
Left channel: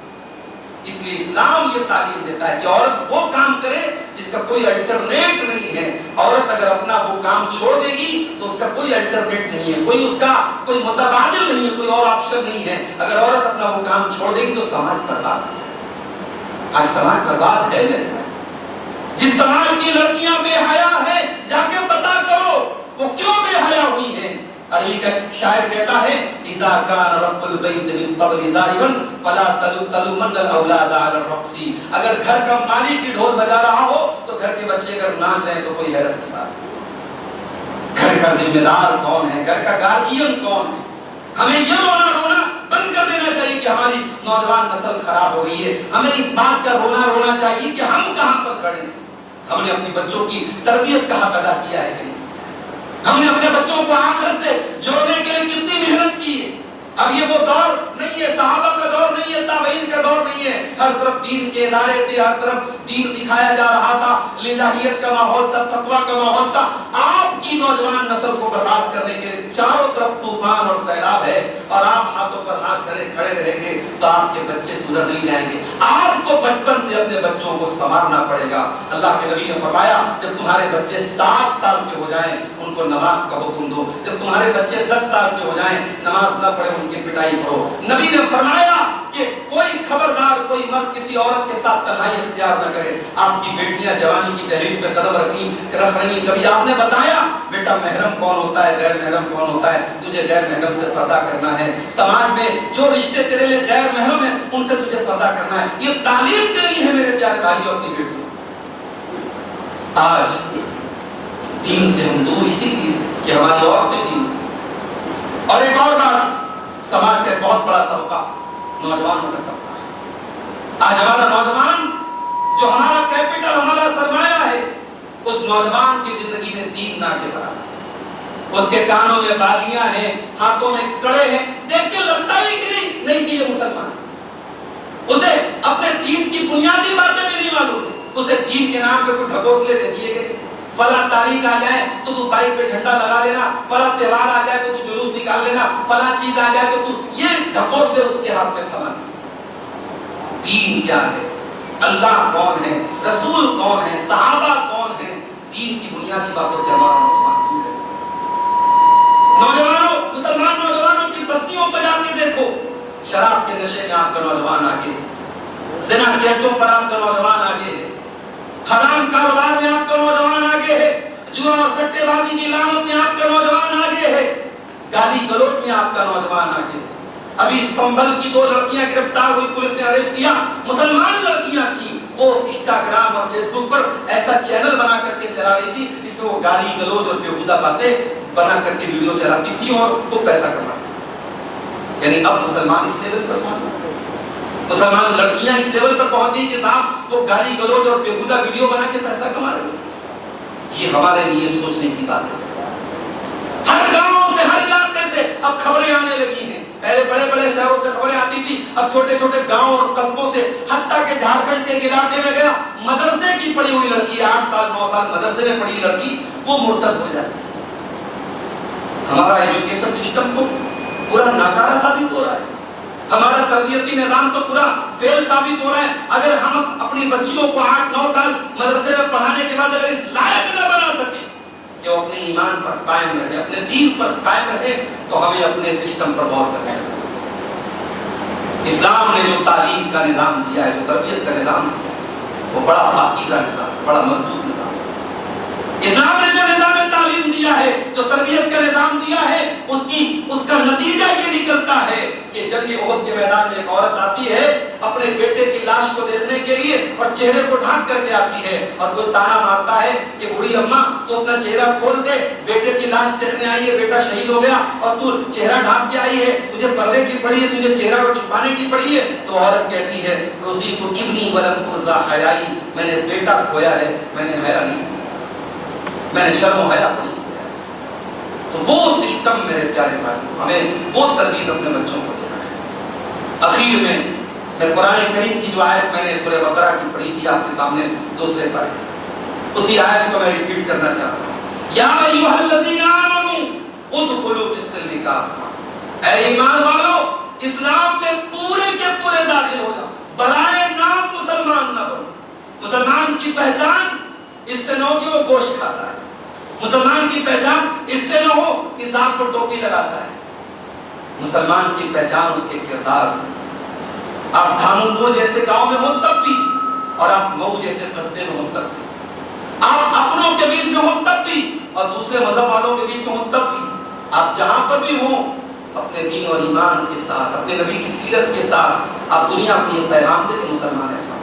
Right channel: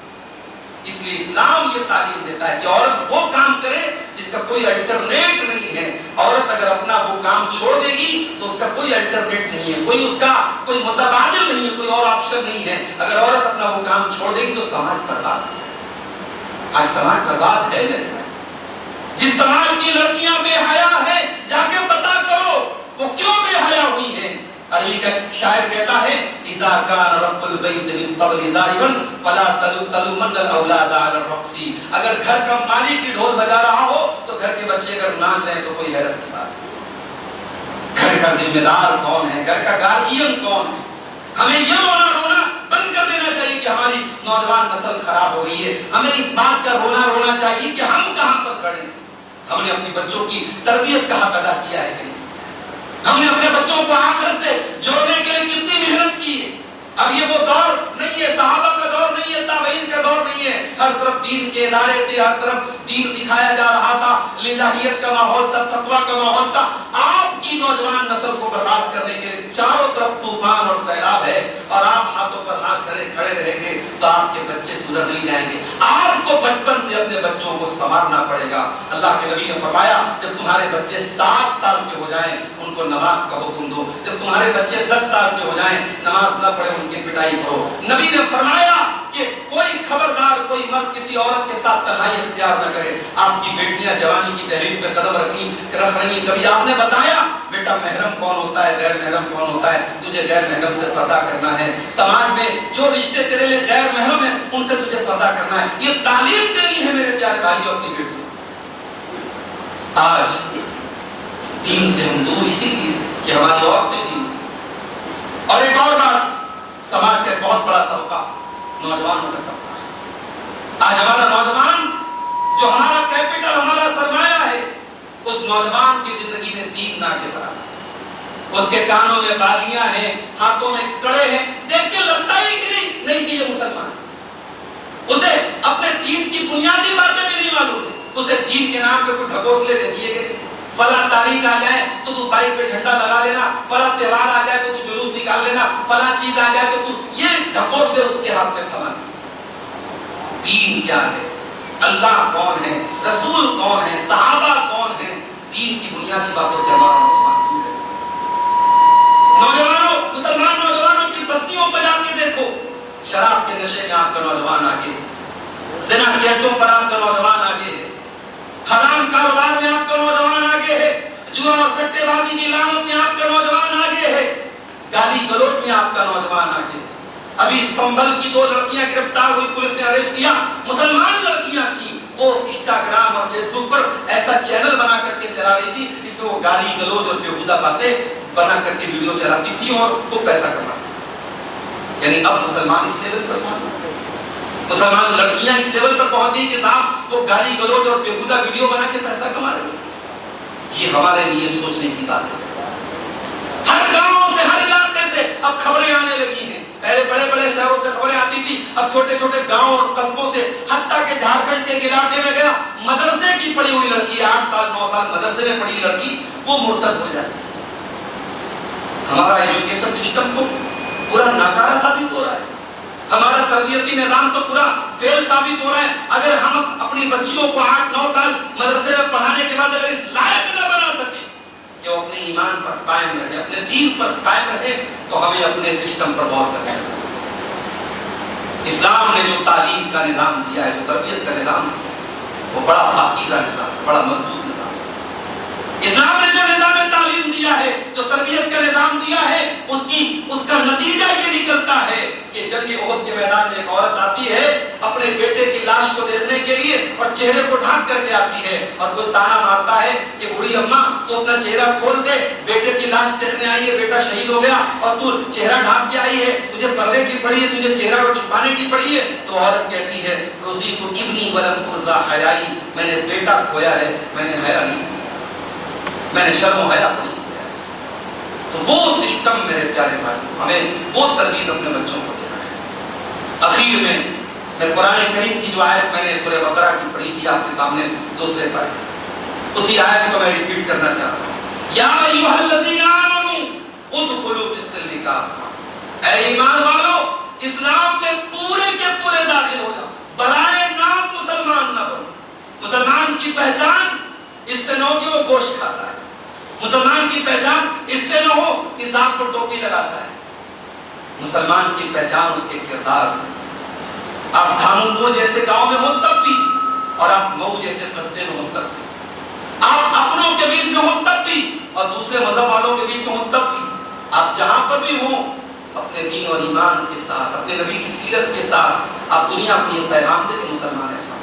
اس لیے اسلام یہ تعلیم دیتا ہے کہ عورت وہ کام کرے جس کا کوئی الٹرنیٹ نہیں ہے۔ عورت اگر اپنا وہ کام چھوڑ دے گی تو اس کا کوئی الٹرنیٹ نہیں ہے، کوئی اس کا کوئی متبادل نہیں ہے، کوئی اور آپشن نہیں ہے۔ اگر عورت اپنا وہ کام چھوڑ دے گی تو سماج برباد ہو جائے گا۔ آج سماج برباد ہے میرے بھائی، جس سماج کی لڑکیاں بے حیا ہیں، جا کے پتا کرو وہ کیوں بے حیا ہوئی ہیں۔ عربی کا شاعر کہتا ہے اذا کان رب البیت من قبل ضاربا فلا تلومن الاولاد علی الرقص۔ اگر گھر کا مالک ڈھول بجا رہا ہو تو گھر کے بچے اگر ناچ رہے ہیں تو کوئی حیرت کی بات نہیں۔ گھر کا ذمہ دار کون ہے، گھر کا گارجین کون ہے؟ ہمیں یہ رونا بند کر دینا چاہیے کہ ہماری نوجوان نسل خراب ہو گئی ہے۔ ہمیں اس بات کا رونا چاہیے کہ ہم کہاں پر کھڑے ہیں، ہم نے اپنے بچوں کی تربیت کہاں پیدا کیا ہے کہ ہم نے اپنے بچوں کو آخرت سے جوڑنے کے لیے کتنی محنت کی ہے۔ اب یہ وہ دور نہیں ہے، صحابہ کا دور نہیں ہے، تابعین کا دور نہیں ہے۔ ہر طرف دین کے ادارے تھے، ہر طرف دین سکھایا جا رہا تھا، للہیت کا ماحول تھا، تقویٰ کا ماحول تھا۔ آپ کی نوجوان نسل کو برباد کرنے کے لیے چاروں طرف طوفان اور سیلاب ہے، اور آپ ہاتھوں پر ہاتھ دھرے کھڑے رہیں گے تو آپ کے بچے سدھر نہیں جائیں گے۔ آپ کو بچپن سے اپنے بچوں کو سنوارنا پڑے گا۔ اللہ کے نبی نے فرمایا جب تمہارے بچے 7 سال کے ہو جائیں ان کو نماز کا حکم دو، جب تمہارے بچے 10 سال کے ہو جائیں نماز نہ پڑھے ان کی پٹائی کرو۔ نبی نے فرمایا کہ کوئی خبردار کوئی مرد کسی عورت کے ساتھ تنہائی اختیار نہ کرے۔ آپ کی بیٹیاں جوانی کی دہلیز پہ قدم رکھ رہی ہیں، کبھی آپ نے بتایا بیٹا محرم کون ہوتا ہے، غیر محرم کون ہوتا ہے، تجھے غیر محرم سے پردہ کرنا ہے، سماج میں جو رشتے تیرے لیے غیر محرم ہیں ان سے تجھے پردہ کرنا ہے۔ یہ تعلیم دینی ہے میرے پیارے بھائیوں اپنی بیٹیوں۔ آج دین سے ہم دور اسی لیے کہ ہماری عورتیں دین سے۔ اور ایک اور بات، سماج کا ایک بہت بڑا طبقہ نوجوانوں کا طبقہ ہے۔ آج ہمارا نوجوان جو ہمارا کیپٹل، ہمارا سرمایہ ہے، اس نوجوان کی زندگی میں دین نہ کے برابر۔ اس کے کانوں میں بالیاں ہیں، ہاتھوں میں کڑے ہیں، دیکھ کے لگتا ہی کہ نہیں کہ یہ مسلمان ہے۔ اسے اپنے دین کی بنیادی باتیں بھی نہیں معلوم ہے۔ اسے دین کے نام پہ کوئی ڈھکوسلے دے دیے گئے، فلاں تاریخ آ جائے تو تو بائک پہ جھنڈا لگا لینا، فلاں تہوار آ جائے تو تو جلوس نکال لینا، فلاں چیز آ جائے تو یہ ڈھکوسلے اس کے ہاتھ میں تھما۔ دین کیا ہے، اللہ کون ہے، رسول کون ہے، صحابہ کون ہے، دین کی بنیادی باتوں سے ہمارا نوجوان دور ہے۔ نوجوانوں، مسلمان نوجوانوں کی بستیوں پر جا کے دیکھو، شراب کے نشے میں آپ کا نوجوان آگے ہے، زنا کے اڈوں پر آپ کا نوجوان آگے ہے، حرام کاروبار میں آپ کا نوجوان آگے ہے، جوا اور سٹے بازی کی لعنت میں آپ کا نوجوان آگے ہے، گالی گلوچ میں آپ کا نوجوان آگے ہے۔ ابھی سنبھل کی 2 لڑکیاں گرفتار ہوئی، پولیس نے اریسٹ کیا، مسلمان لڑکیاں تھیں، وہ انسٹاگرام اور فیس بک پر ایسا چینل بنا کر کے چلا رہی تھی جس میں وہ گالی گلوچ اور بیہودہ باتیں بنا کر کے ویڈیو چلاتی تھی اور خوب پیسہ کماتی تھی۔ یعنی اب مسلمان اس لیول پر پہنچ گئے، مسلمان لڑکیاں اس لیول پر پہنچ گئی کہ صاحب وہ گالی گلوچ اور بیہودہ ویڈیو بنا کے پیسہ کما رہی ہیں۔ یہ ہمارے لیے سوچنے کی بات ہے۔ ہر گاؤں سے، ہر علاقے سے اب خبریں آنے لگی ہیں۔ پہلے بڑے بڑے شہروں سے خبریں آتی تھی، اب چھوٹے چھوٹے گاؤں اور قصبوں سے، حتیٰ کہ جھارکھنڈ کے علاقے میں گیا، مدرسے کی پڑھی ہوئی لڑکی، 8 سال 9 سال مدرسے میں پڑھی لڑکی وہ مرتد ہو جاتی ہے۔ ہمارا ایجوکیشن سسٹم تو پورا ناکارہ ثابت ہو رہا ہے۔ ہمارا تربیتی نظام تو پورا فیل ثابت ہو رہا ہے اگر ہم اپنی بچیوں کو 8-9 سال مدرسے میں پڑھانے کے بعد اگر اس لائق نہ بنا سکیں کہ وہ اپنے ایمان پر قائم رہے, اپنے دین پر قائم رہے, تو ہمیں اپنے سسٹم پر غور کرنا ہے. اسلام نے جو تعلیم کا نظام دیا ہے, جو تربیت کا نظام دیا ہے, وہ بڑا پاکیزہ نظام, بڑا مضبوط نظام. اسلام نے جو نظام تعلیم دیا ہے, جو تربیت کا نظام دیا ہے, اس کا نتیجہ یہ نکلتا ہے کہ جنگ احد کے میدان میں ایک عورت آتی ہے اپنے بیٹے کی لاش کو دیکھنے کے لیے اور چہرے کو ڈھانپ کر کے آتی ہے, اور کوئی تانا مارتا ہے کہ بوڑھی اماں تو اپنا چہرہ کھول دے, بیٹے کی لاش دیکھنے آئی ہے, بیٹا شہید ہو گیا اور تو چہرہ ڈھانپ کے آئی ہے, تجھے پردے کی پڑی ہے, تجھے چہرہ کو چھپانے کی پڑی ہے. تو عورت کہتی ہے روزی تو ابنی ولم ترزا حیائی, میں نے بیٹا کھویا ہے, میں نے حیا نہیں, میں نے شرم و حیا پڑی. تو وہ سسٹم میرے پیارے بھائی, ہمیں وہ تربیت اپنے بچوں کو دینا ہے. اخیر میں قرآن کریم کی جو آیت میں نے سورہ بقرہ کی پڑھی تھی آپ کے سامنے دوسرے پارے, اسی آیت کو میں ریپیٹ کرنا چاہتا ہوں. یا ایھا الذین آمنوا ادخلوا فی السلم کافہ, اے ایمان والو اسلام میں پورے کے پورے داخل ہو جاؤ, برائے نام مسلمان نہ بنو. مسلمان کی پہچان اس سے نہ ہو کہ وہ گوشت کھاتا ہے, مسلمان کی پہچان اس سے نہ ہو کہ سانپ کو ٹوپی لگاتا ہے. مسلمان کی پہچان اس کے کردار سے. آپ دھامپور جیسے گاؤں میں ہو تب بھی, اور آپ مئو جیسے قصبے میں ہو تب بھی, آپ اپنوں کے بیچ میں ہو تب بھی, اور دوسرے مذہب والوں کے بیچ میں ہو تب بھی, آپ جہاں پر بھی ہوں اپنے دین اور ایمان کے ساتھ, اپنے نبی کی سیرت کے ساتھ آپ دنیا کو یہ پیغام دیں کہ مسلمان ایسا.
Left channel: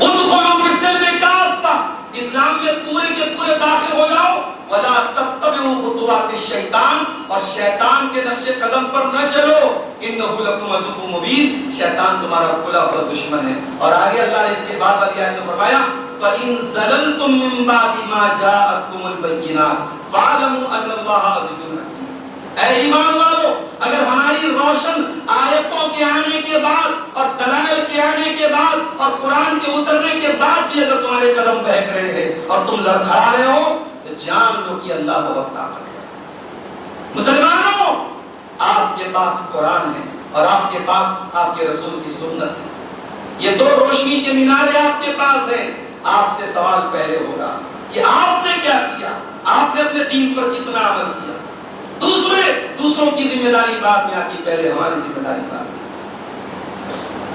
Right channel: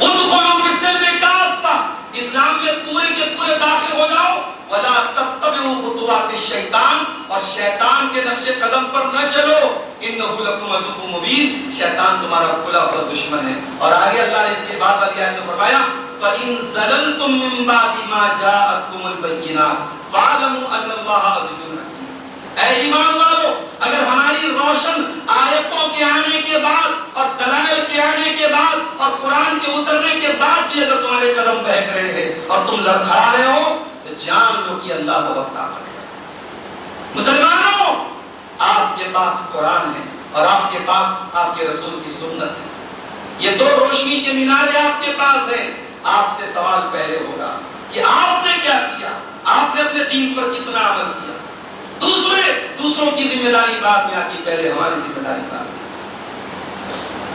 ادخلوا فی السلم کافہ, اسلام میں پورے کے پورے داخل ہو جاؤ. ولا تتبعوا خطوات الشیطان, اور شیطان کے نقش قدم پر نہ چلو. انہ لکم عدو مبین, شیطان تمہارا کھلا ہوا دشمن ہے. اور آگے اللہ نے اس کے بعد والی آیت میں فرمایا فَإِن زَلَلْتُم مِّن بَعْدِ مَا جَاءَتْكُمُ الْبَيِّنَاتُ فَاعْلَمُوا أَنَّ اللَّهَ عَزِيزٌ حَكِيمٌ. اے ایمان والو, اگر ہماری روشن آیتوں کے آنے کے بعد اور دلائل کے آنے کے بعد اور قرآن کے اترنے کے بعد بھی اگر تمہارے قدم بہک رہے ہیں اور تم لڑکھڑا رہے ہو, تو جان لو کہ اللہ بہت طاقت ہے. مسلمانوں, آپ کے پاس قرآن ہے اور آپ کے پاس آپ کے رسول کی سنت ہے. یہ دو روشنی کے مینارے آپ کے پاس ہیں. آپ سے سوال پہلے ہوگا کہ آپ نے کیا کیا, آپ نے اپنے دین پر کتنا عمل کیا. دوسروں کی ذمہ داری بعد میں آتی, پہلے ہماری ذمہ داری بعد میں.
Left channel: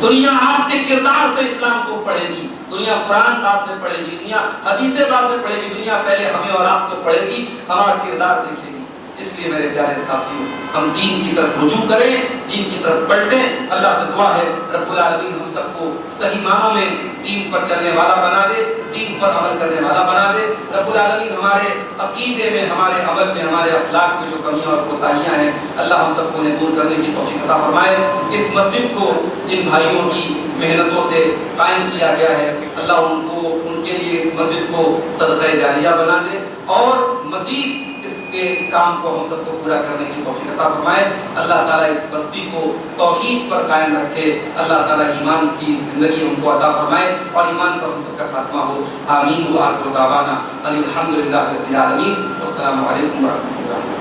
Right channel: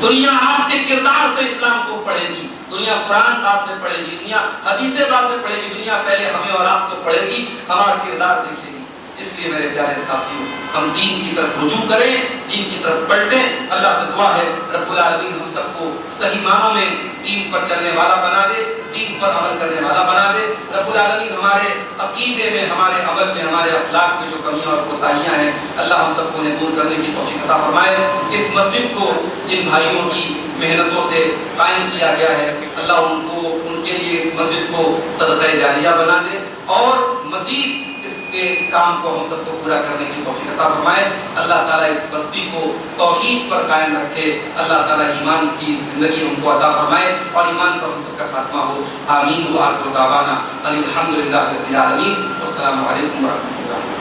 دنیا آپ کے کردار سے اسلام کو پڑھے گی, دنیا قرآن بعد میں پڑھے گی, دنیا حدیثیں بعد میں پڑھے گی, دنیا پہلے ہمیں اور آپ کو پڑھے گی, ہمارا کردار دیکھے گی. اس لیے میرے پیارے ساتھیوں, ہم دین کی طرف رجوع کریں, دین کی طرف پلٹیں. اللہ سے دعا ہے رب العالمین ہم سب کو صحیح معنوں میں دین پر چلنے والا بنا دے, دین پر عمل کرنے والا بنا دے. رب العالمین ہمارے عقیدے میں, ہمارے عمل میں, ہمارے اخلاق میں جو کمیاں اور کوتاہیاں ہیں, اللہ ہم سب کو انہیں دور کرنے کی توفیق عطا فرمائے. اس مسجد کو جن بھائیوں کی محنتوں سے قائم کیا گیا ہے, اللہ ان کے لیے اس مسجد کو صدقہ جاریہ بنا دے, اور مزید اس کے کام کو ہم سب کو پورا کرنے کی توفیق عطا فرمائے. اللہ تعالیٰ اس بستی کو توحید پر قائم رکھے. اللہ تعالیٰ ایمان کی زندگی ہم کو عطا فرمائے اور ایمان پر ہم سب کا خاتمہ ہو. آمین. وآخر دعوانا الحمدللہ رب العالمین. والسلام علیکم ورحمۃ اللہ.